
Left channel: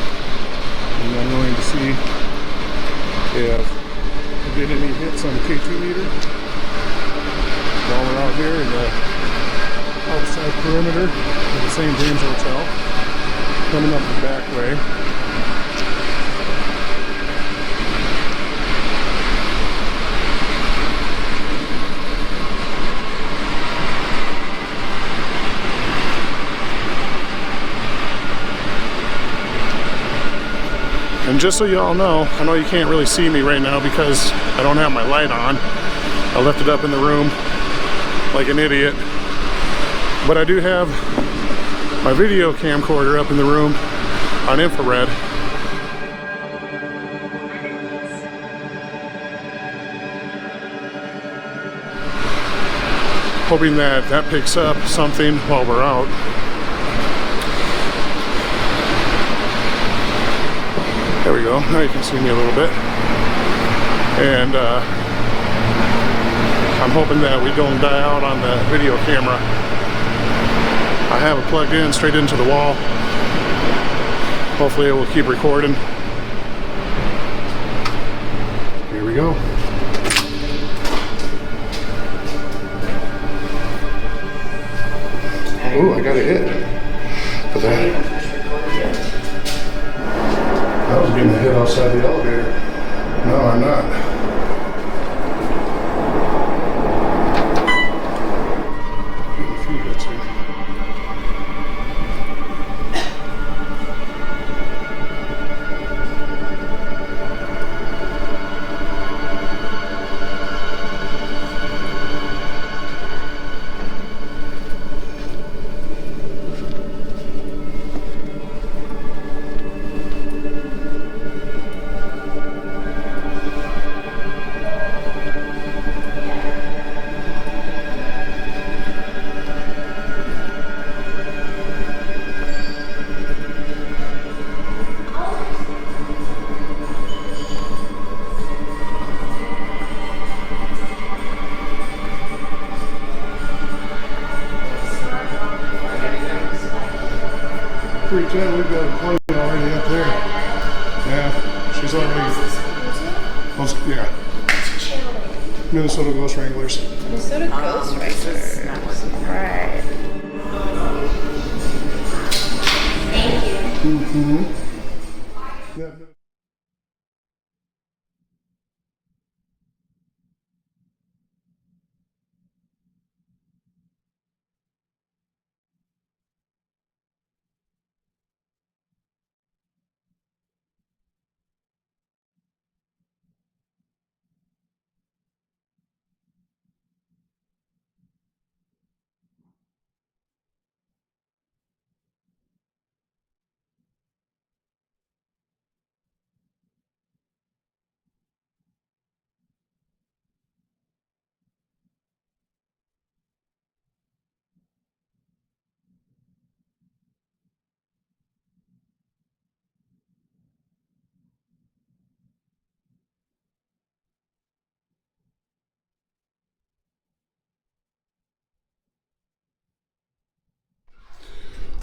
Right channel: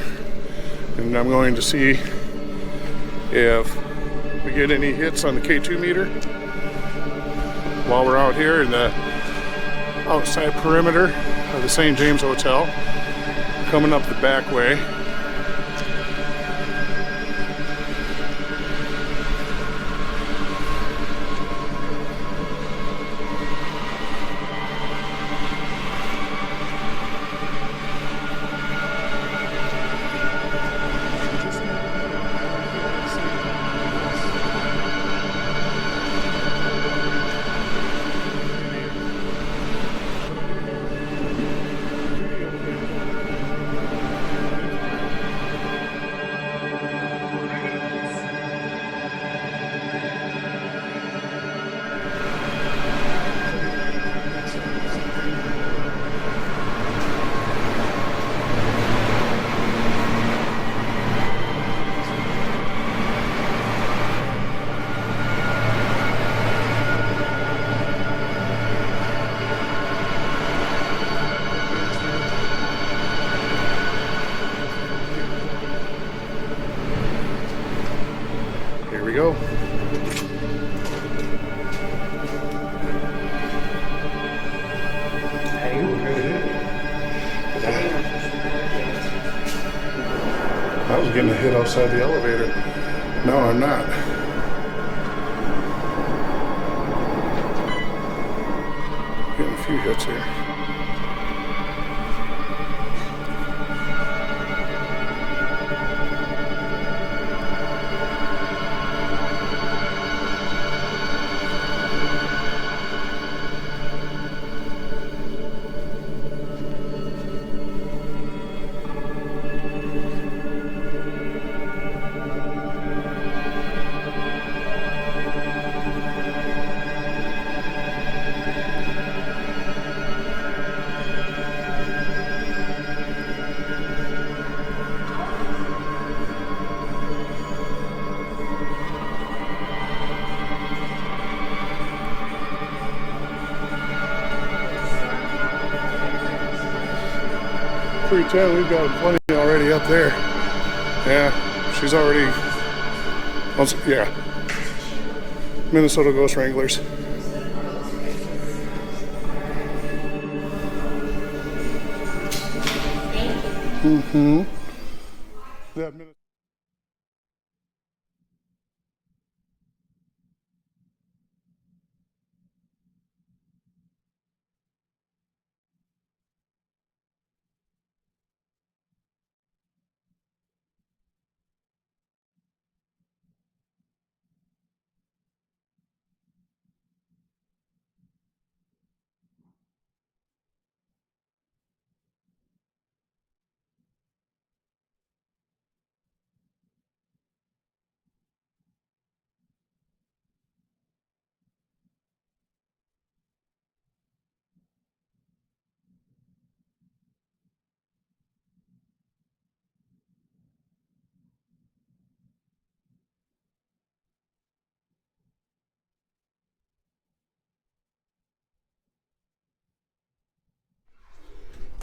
and I'm going to see if we get any hits on the K2 meter while we're out here in the outside perimeter of the St. James Hotel, coming up the back way. And just so you all know, I know you can't really see me right now because I don't have my light on. I left it up in the room like an idiot. But I do have my video camcorder up in the room on infrared. Hoping that that picks up something while we're out. There we go. Now you can see me a little bit. And I'm hoping that we don't die out on the video camera. I have it plugged in straight into the wall. Hopefully it will keep recording. Here we go. Ooh, I got a hit for that. I was getting a hit outside the elevator. No, I'm not. we've got plenty already up there. Yeah, she's already. Yeah. Minnesota Ghost Wranglers. Minnesota Ghost Wranglers. Right. Thank you. Mm-hmm.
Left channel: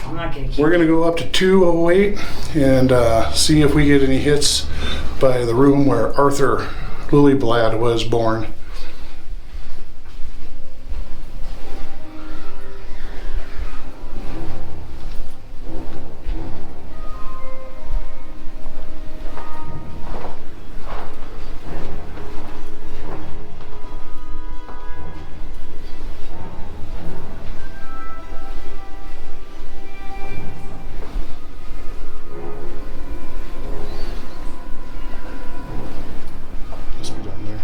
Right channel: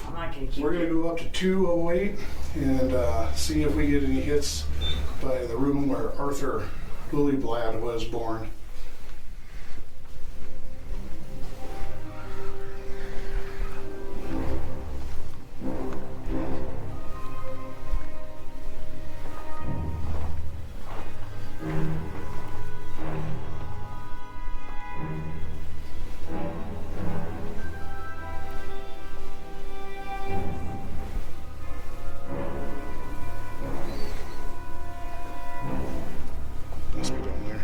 I'm not gonna keep. We're gonna go up to 208 and see if we get any hits by the room where Arthur Lillyblad was born. Must be down there.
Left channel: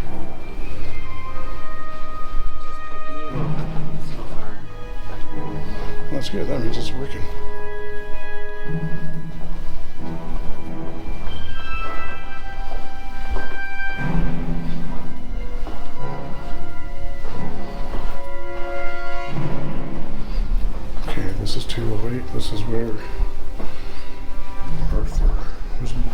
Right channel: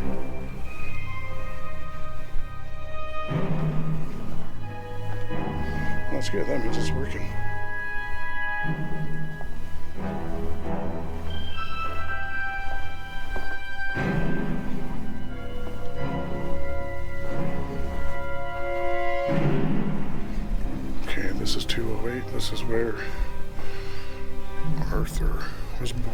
That's good. That means it's working. Okay, this is 208. This is where Arthur was born.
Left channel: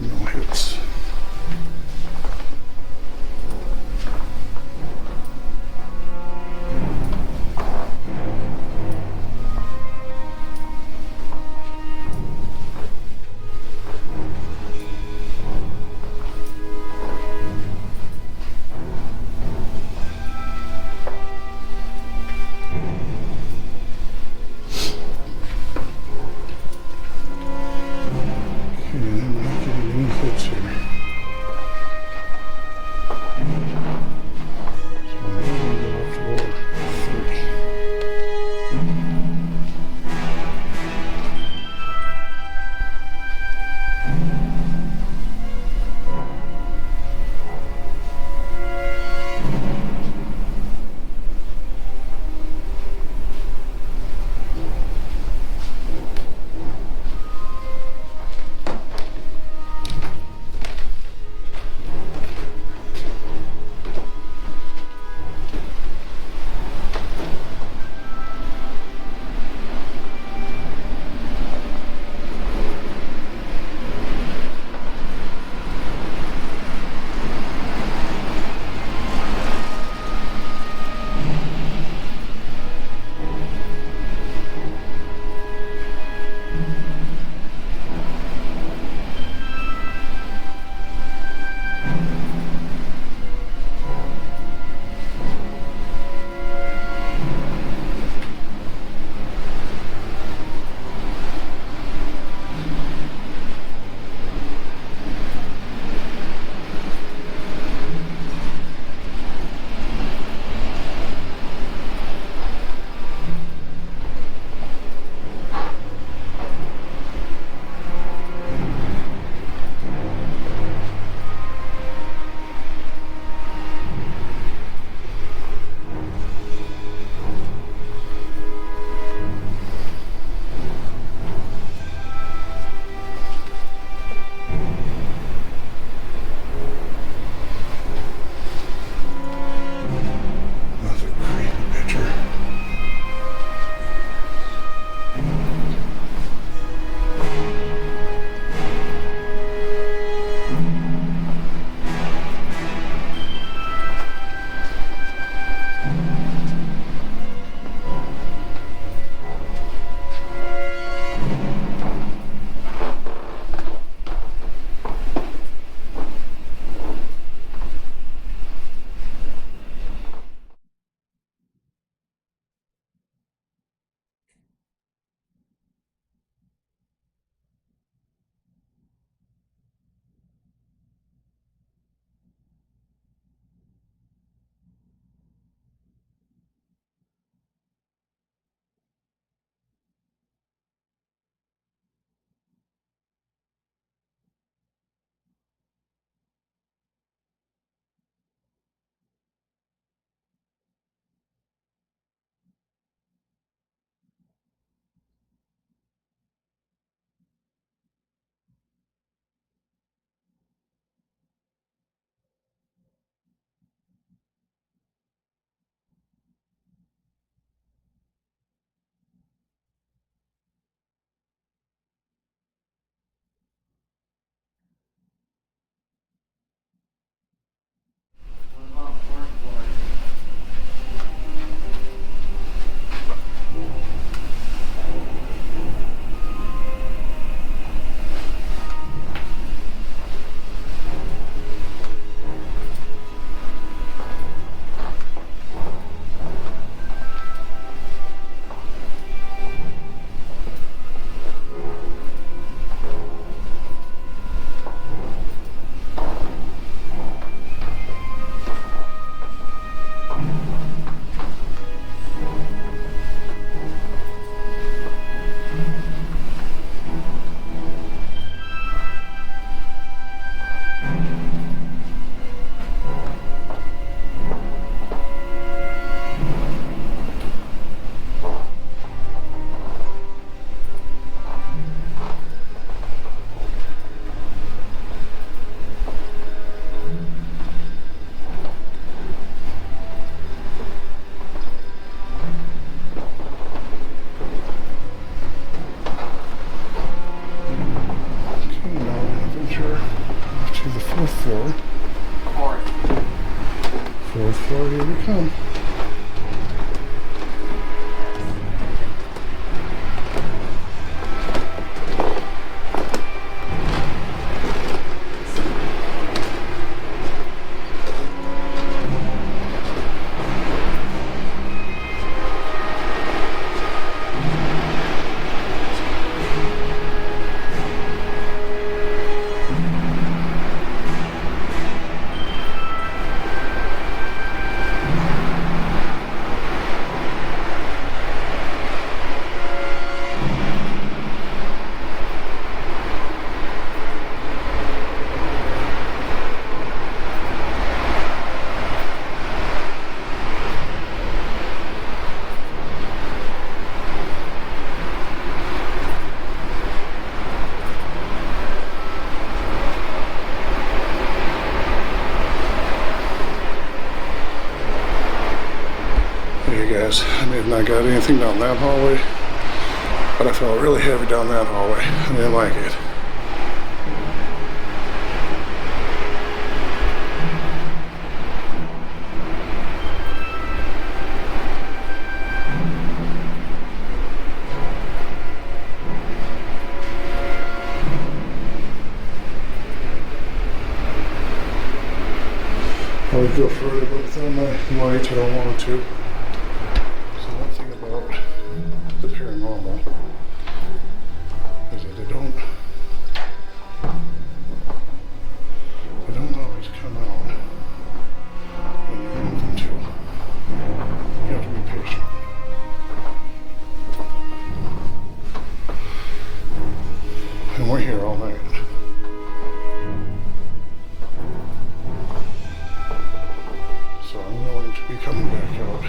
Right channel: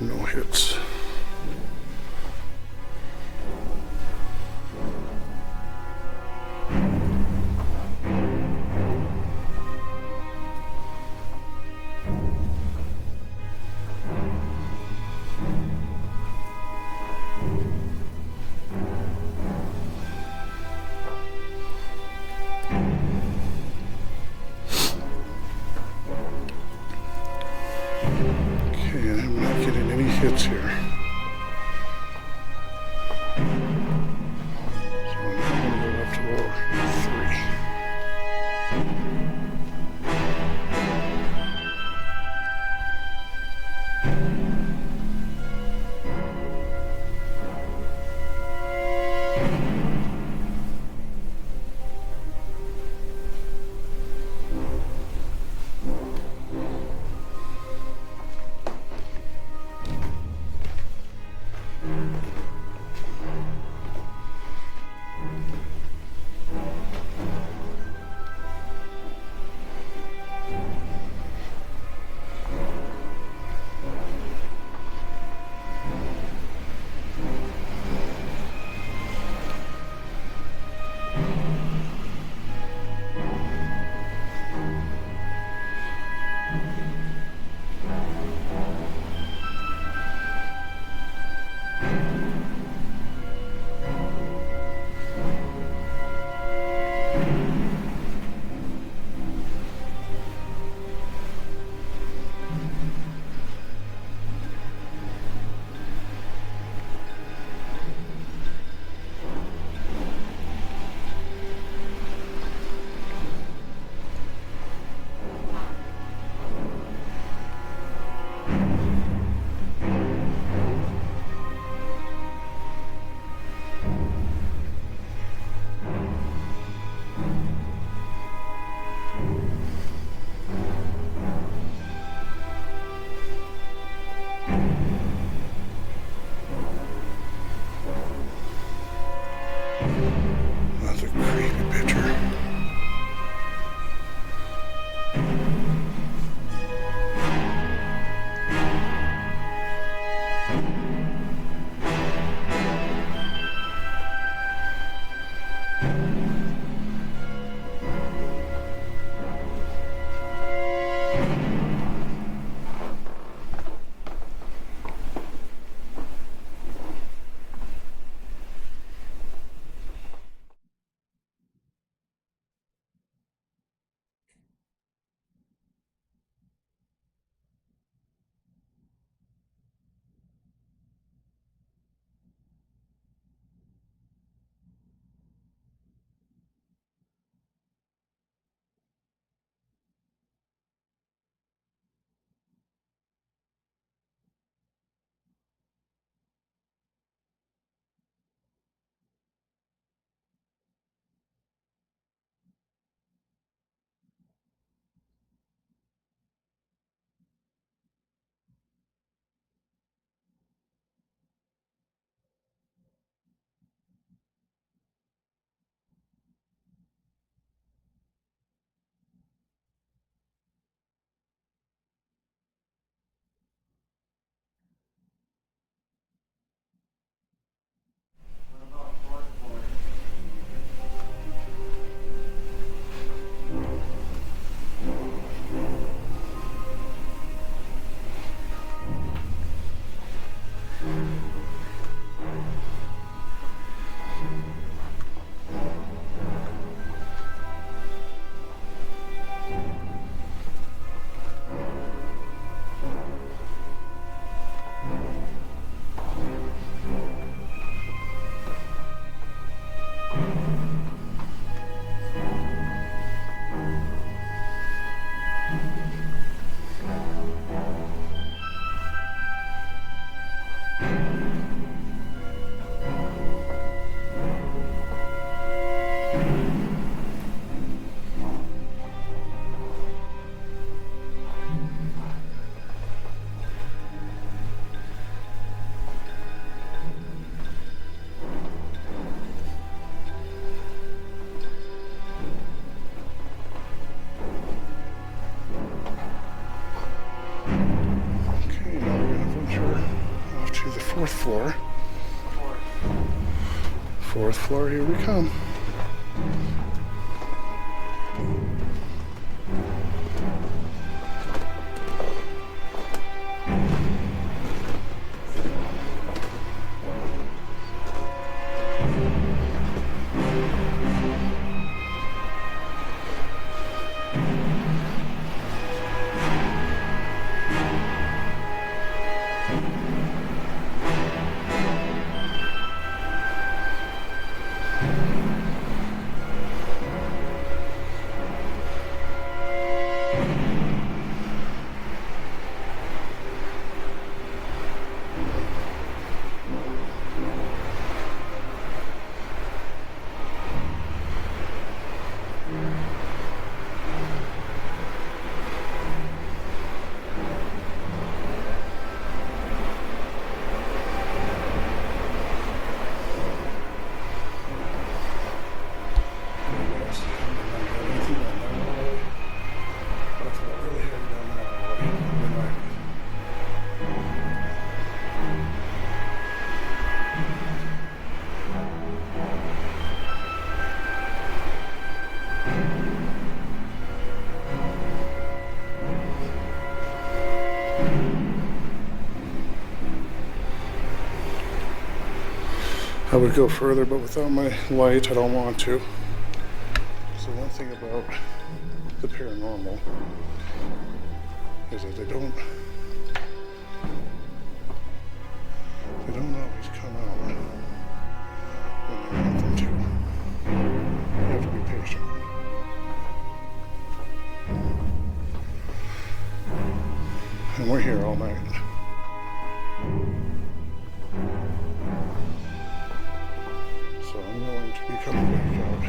No hits. floor. Here we come. Hey guys, I may have not got anything down that hallway, but I felt really heavy down that hallway. I didn't like it. I would go further, but without my light, I don't want to. So one thing about the paranormal is that they don't always come out when you want them to. You have to be patient. And we're here all night. So I'm going to be coming back out.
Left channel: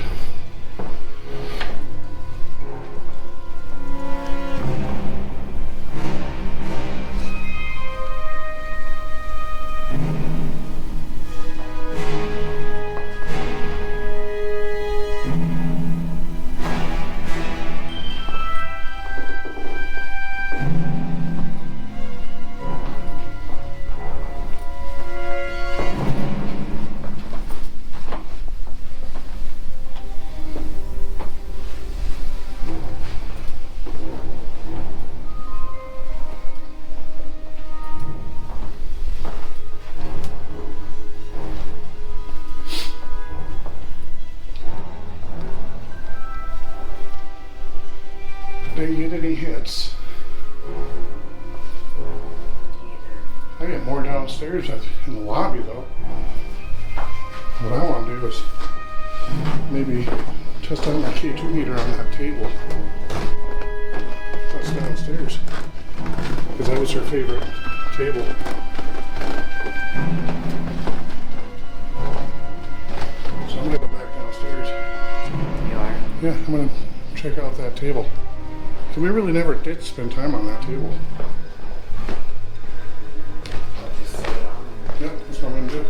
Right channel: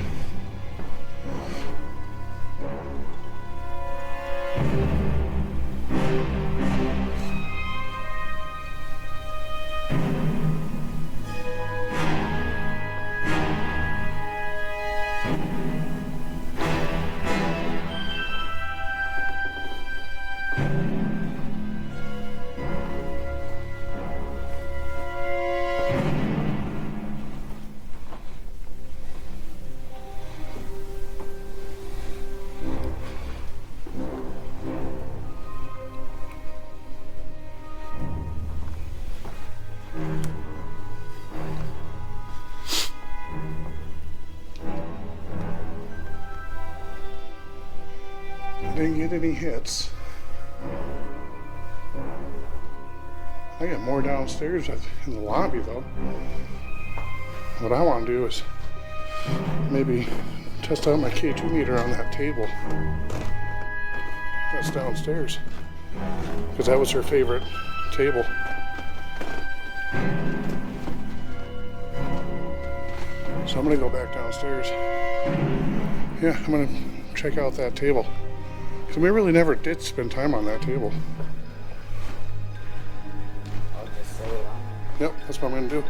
Didn't get any hits. I got more downstairs in the lobby though. What I want to do is maybe test out my K2 meter on that table that's downstairs, because that was her favorite table. So I'm gonna go back downstairs. You are? Yeah, I'm gonna check out that table. So we really never did spend time on that table. I'll just sit around there. Yep, that's what I'm gonna do.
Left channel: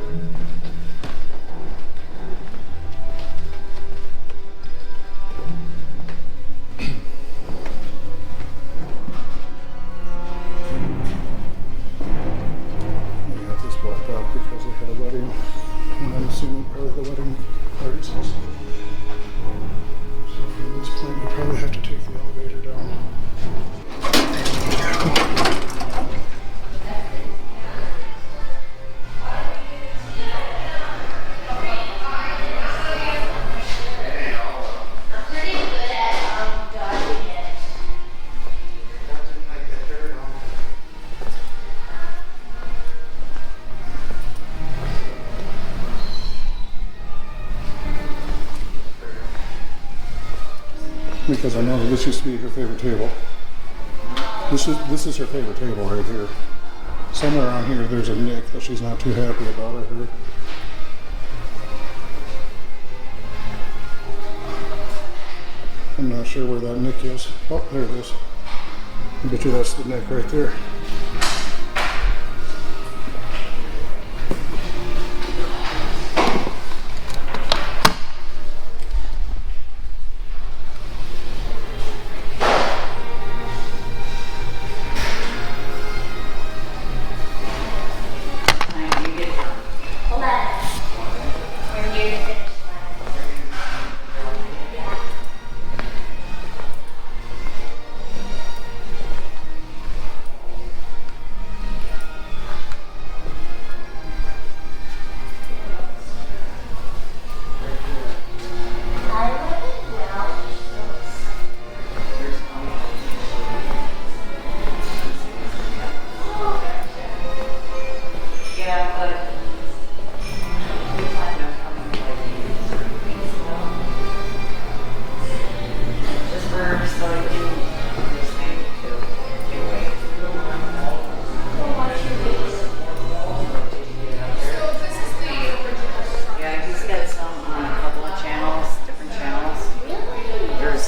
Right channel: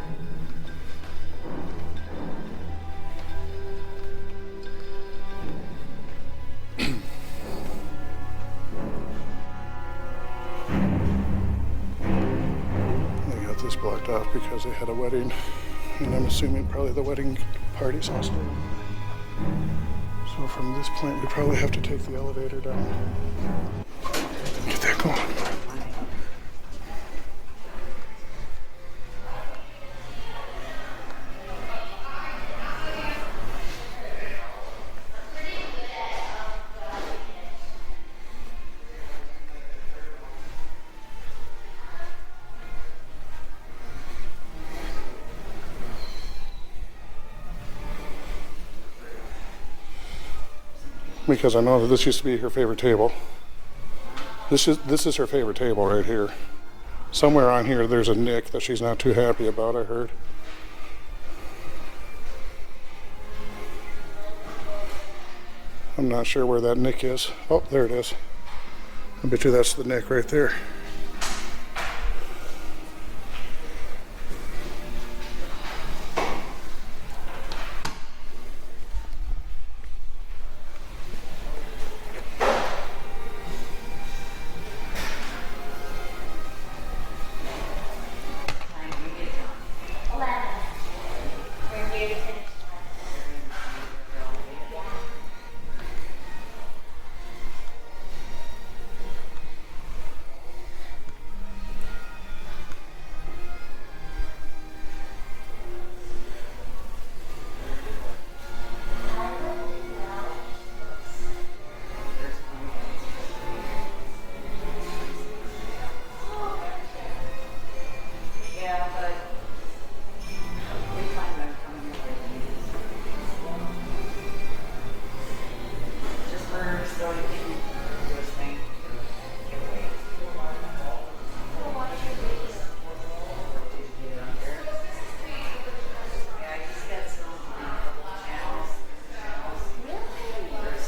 They got this blocked off because they had a wedding, and I'm assuming probably the wedding party's house. So from this point, we probably have to take the elevator down. Come on. Because I know that this used to be her favorite table. This is her favorite table right here. Somewhere on here there's a nick that she's not too happy about, I heard. I'm not sure where that nick is. Oh, there it is. I bet you that's the nick right there. We're here to finish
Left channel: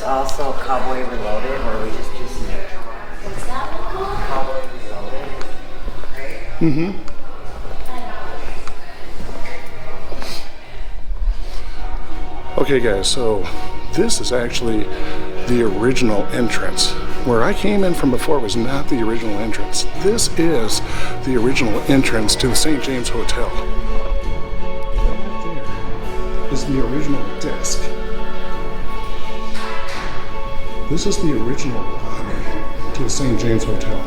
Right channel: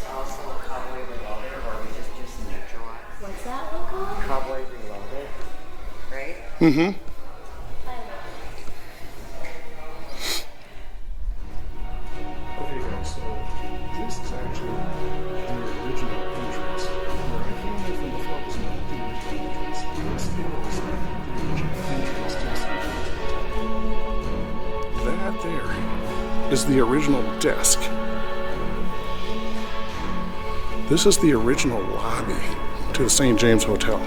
also Cowboy Reloaded, where we just do some What's that one called? Cowboy Reloaded, right? Mm-hmm. Okay guys, so this is actually the original entrance. Where I came in from before was not the original entrance. This is the original entrance to the St. James Hotel. That there is the original desk. This is the original lobby to the St. James Hotel.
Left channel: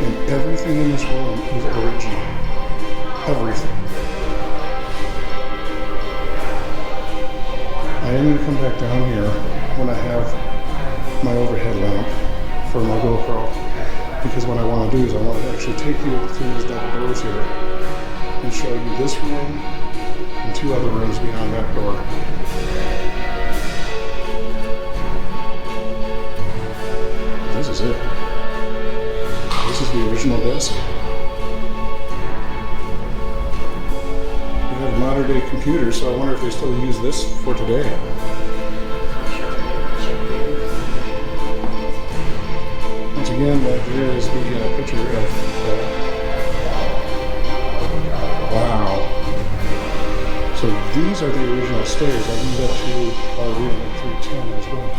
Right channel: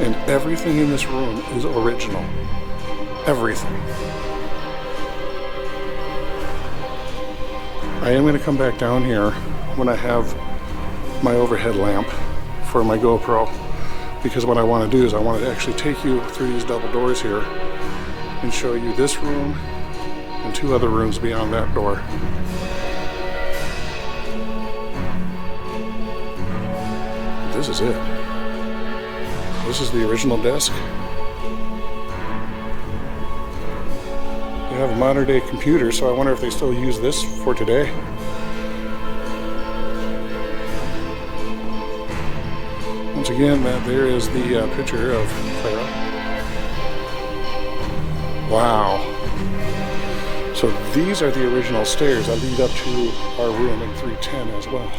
And everything in this room is original. Everything. I am going to come back down here when I have my overhead lamp for my GoPro, because what I want to do is I want to actually take you through these double doors here and show you this room and two other rooms beyond that door. This is it. This is the original desk. They have modern day computers, so I wonder if they still use this for today. Once again, there is the picture of wow. So these are the original stairs that lead up to our room at 310 as well.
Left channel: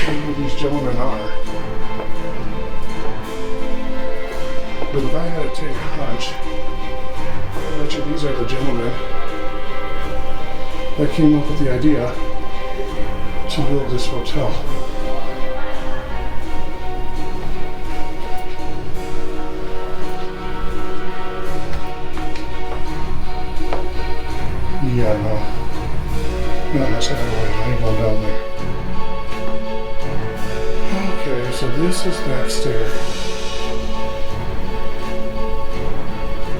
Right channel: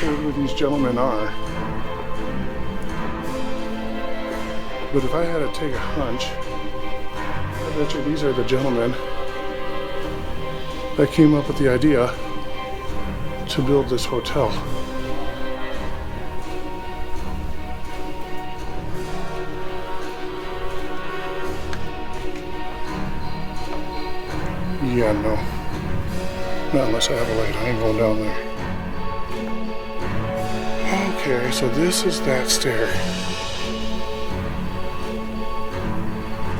Who these gentlemen are, but if I had to take a hunch, I bet you these are the gentlemen that came up with the idea to build this hotel. Yeah, no. Not unless I have a light. I ain't going down there. Okay, so this is that stair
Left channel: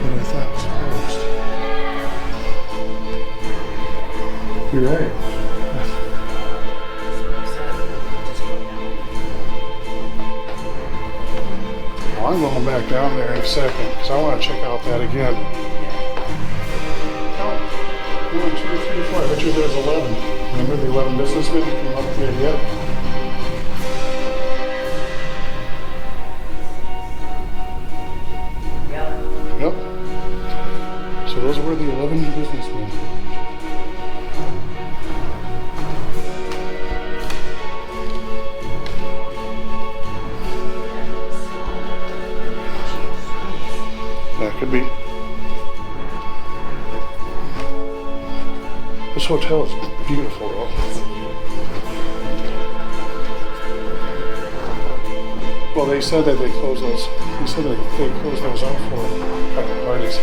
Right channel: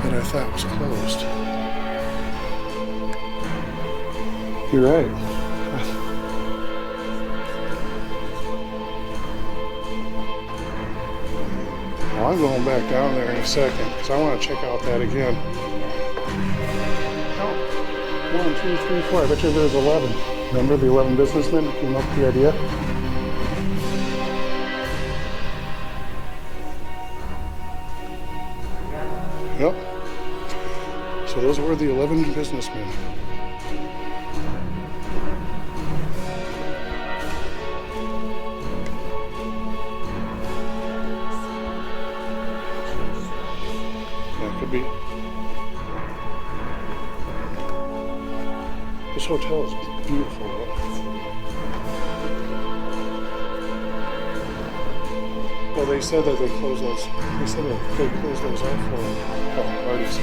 that I thought was closed. You're right. Well, I'm going back down there in a second because I want to check out that again. Count 1, 2, 3, 4. I bet you there's 11. Remember the 11 businessmen who came up with the idea? Yep. So those were the 11 businessmen. That could be. This hotel is beautiful though. Well, they said that they closed those. They said that they closed those out for private parties.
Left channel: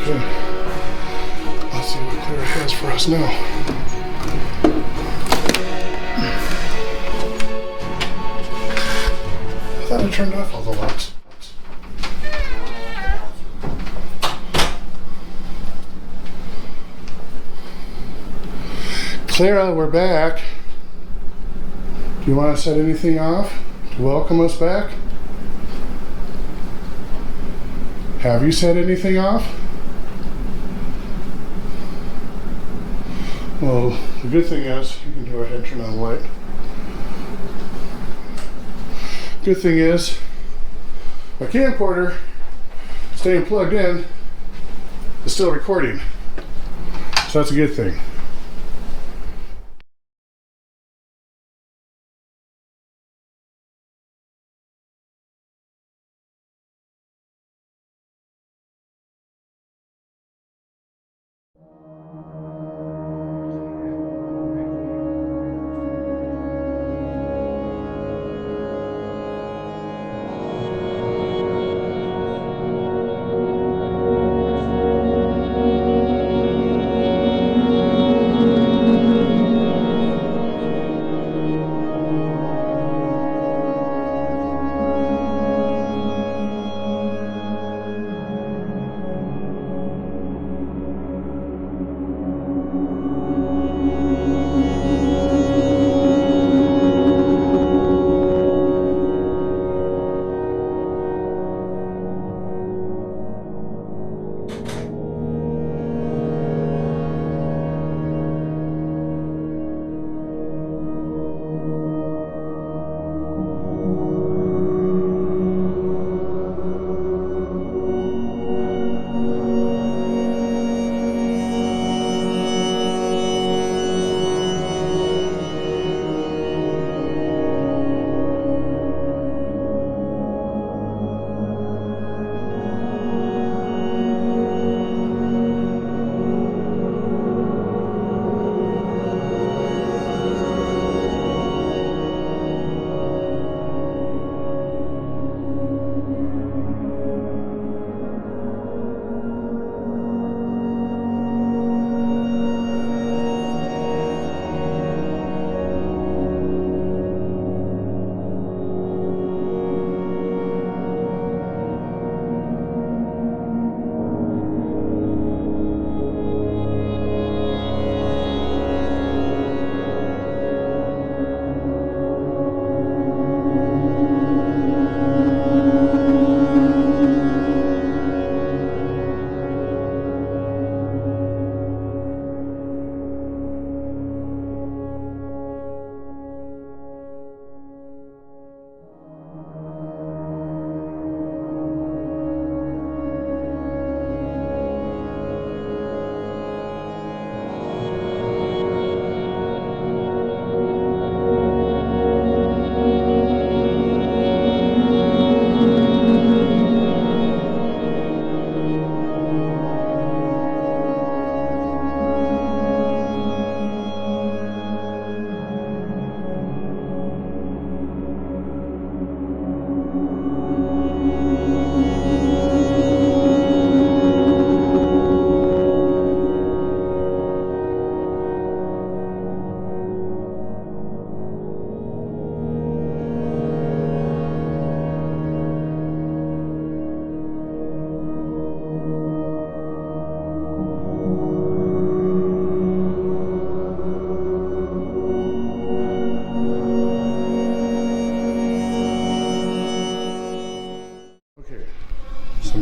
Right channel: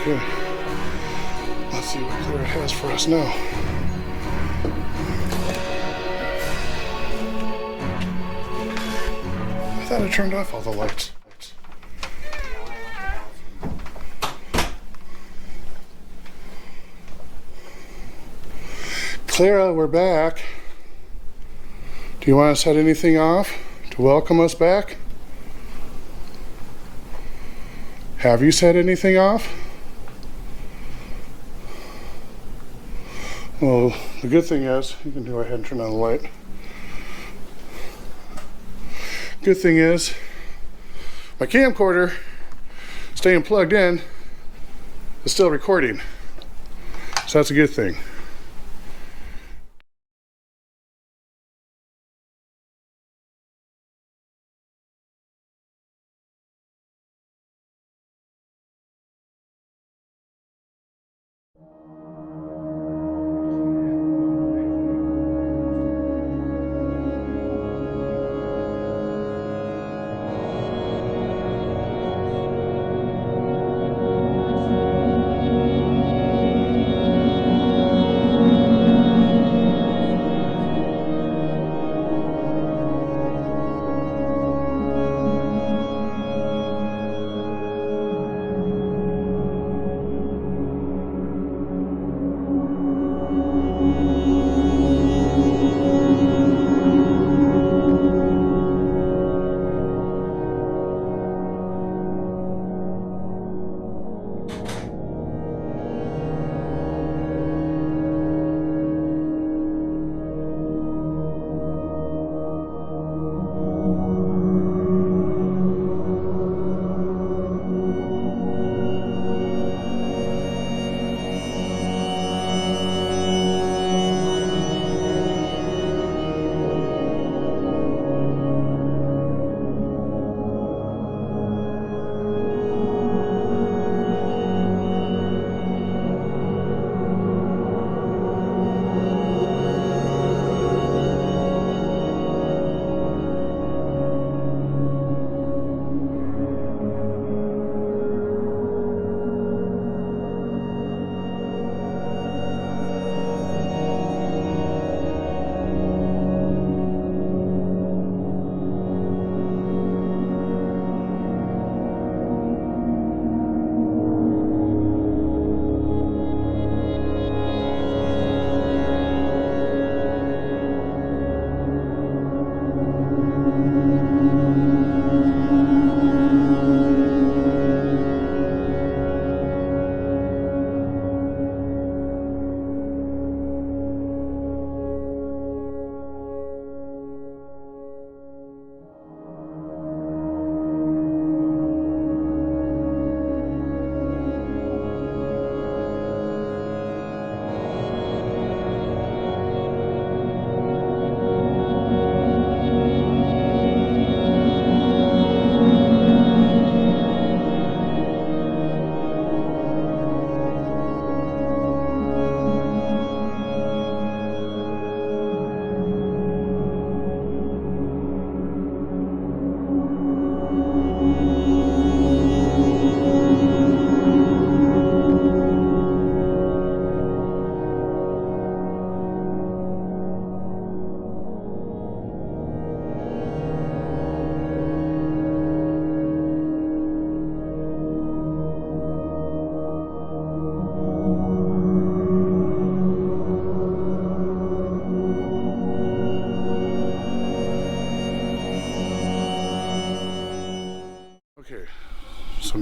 Okay. Let's see what Clara has for us now. I thought I turned off all the lights. Clara, we're back. Do you want to set anything off to welcome us back? Have you set anything off? Well, the good thing is, you can go ahead and turn on the light. Good thing is, my camcorder, staying plugged in, is still recording. So that's a good thing.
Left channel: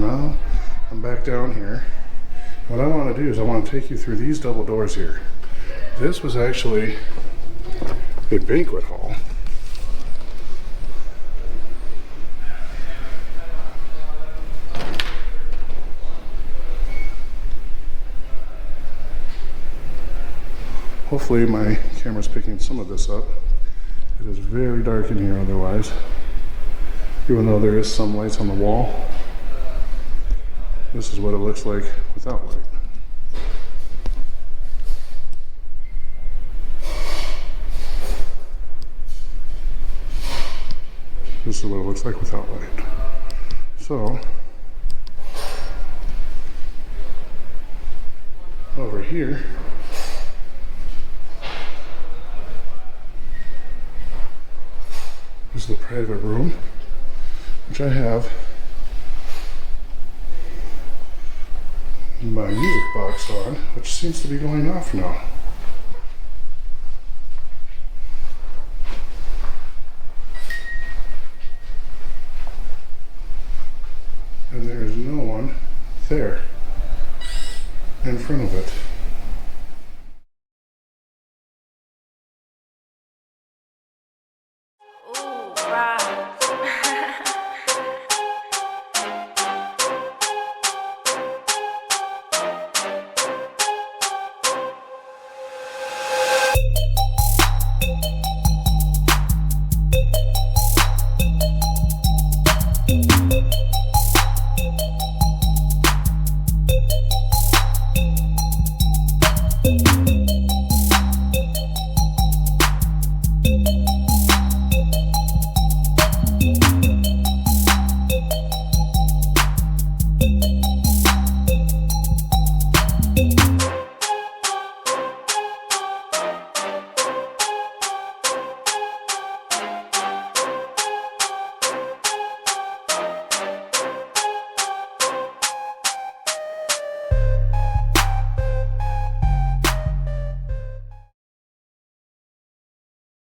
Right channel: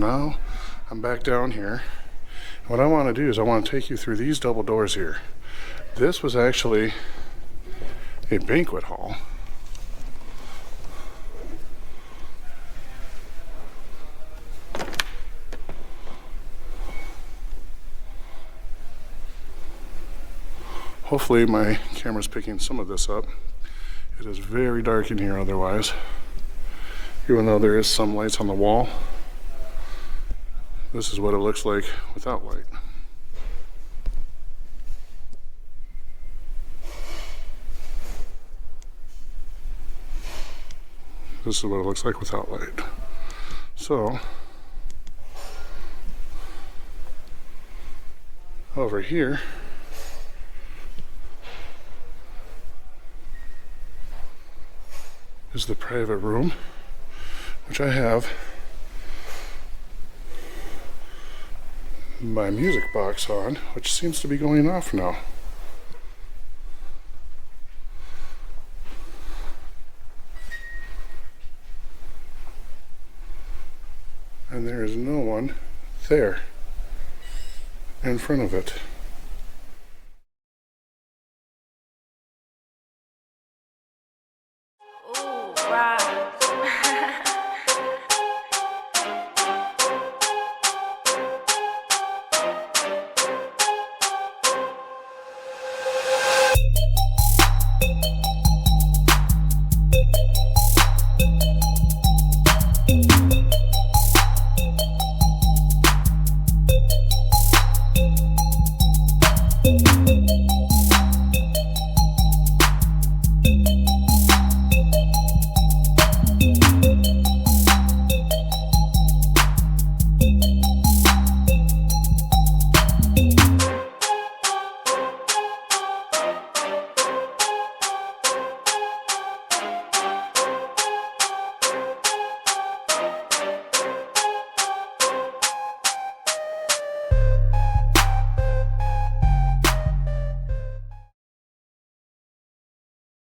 now I'm back down here. What I want to do is I want to take you through these double doors here. This was actually a banquet hall. Hopefully my camera's picking some of this up. It is very dark in here otherwise, even though there is some lights on the wall. This is what it looks like without light. This is what it looks like without light. So, over here, is the private room, which I have my music box on, which seems to be going off now. And there is no one there in front of it. Ooh, right.